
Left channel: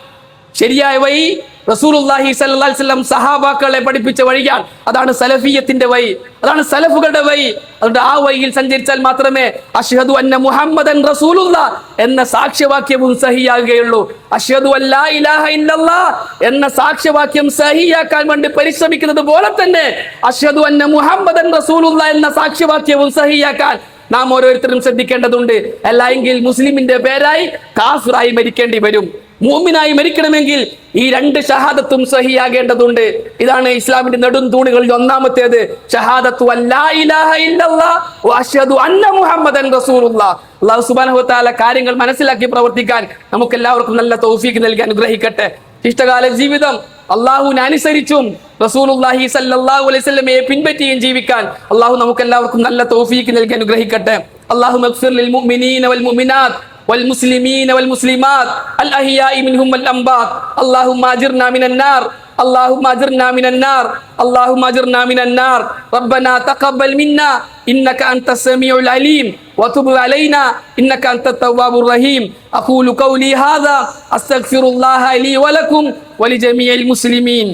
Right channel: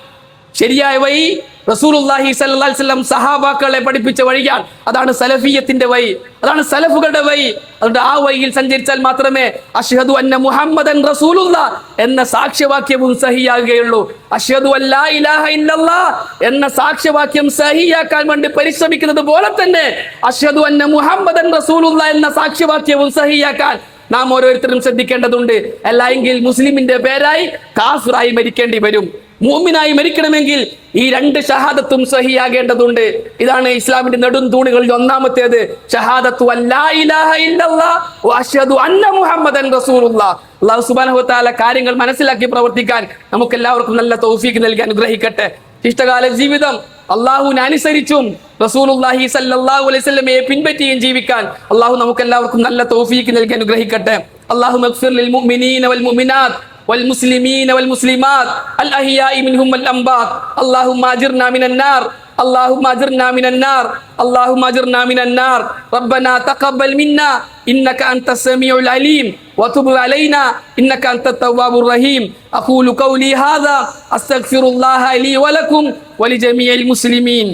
ശരിയായ വഴി റസൂലുള്ളാഹി സ്വല്ലല്ലാഹി അലൈഹി വസല്ലം സഹാബാക്കളെ പഠിപ്പിച്ച വഴിയാണ്. അതാണ് സലഫിയത്തിന്റെ വഴി, അതാണ് സലഫുകളുടെ വഴി. അതുകൊണ്ട് ആ വഴിയിൽ സഞ്ചരിച്ചാൽ മാത്രമേ അഷ്ഹദു അന്ന മുഹമ്മദൻ റസൂലുള്ളാഹ് എന്ന സാക്ഷ്യവാക്യവും സഹിയാകുകയുള്ളൂ. അഷ്ഹദു അല്ലാ ഇലാഹ ഇല്ലല്ലാഹ് എന്ന സാക്ഷ്യവാക്യം സഹിയാക്കാൻ വേണ്ടി പരിശ്രമിക്കുന്നത് പോലെ തന്നെ അഷ്ഹദു അന്ന മുഹമ്മദൻ റസൂലുള്ളാഹ് എന്ന സാക്ഷ്യവാക്യവും സഹിയാക്കാൻ നാം ഓരോരുത്തരും ശ്രദ്ധിക്കേണ്ടതുണ്ട്. അല്ലെങ്കിൽ മുസ്ലിമിന്റെ പേരായി കാഫിറായി മരിക്കേണ്ടി വരും. മുഅ്മിനായി മരിക്കണമെങ്കിൽ ഈ 2 ഷഹാദത്തും സഹിയാകേണ്ടതുണ്ട്. ഇതാണ് ഇസ്ലാമിന്റെ നെടും തൂണുകളിൽ ഒന്നാമത്തേത്, ഷഹാദത്തു അല്ലാ ഇലാഹ ഇല്ലല്ലാഹ് വ അഷ്ഹദു അന്ന മുഹമ്മദൻ റസൂലുള്ളാഹ്. അല്ലാഹു സുബ്ഹാനഹു വ തആല കാര്യങ്ങൾ മനസ്സിലാക്കി പ്രവർത്തിക്കാൻ നമുക്ക് എല്ലാവർക്കും നല്ല തൗഫീഖ് നൽകി അനുഗ്രഹിക്കട്ടെ. ഇഷ്ടകാല ജീവിതം അള്ളാഹുവിനെ അനുസരിച്ചും റസൂലുള്ളാഹി സ്വല്ലല്ലാഹു അലൈഹി വസല്ലമയെ പിൻപറ്റിയും ജീവിക്കാൻ അള്ളാഹു നമുക്ക് എല്ലാവർക്കും നല്ല തൗഫീഖ് നൽകി അനുഗ്രഹിക്കട്ടെ. അല്ലാഹുമ്മ ഗ്ഫിർ ലിൽ മുഅ്മിനീന വൽ മുഅ്മിനാത്ത് والمسلمين والمسلمات الأحياء منهم والأموات اللهم أجرنا من النار اللهم أجرنا من النار اللهم أجرنا من النار ربنا تقبل منا إنك أنت السميع العليم وتب علينا إنك أنت التواب الرحيم أقول قولي هذا أستغفر الله لي ولكم ولجميع المسلمين.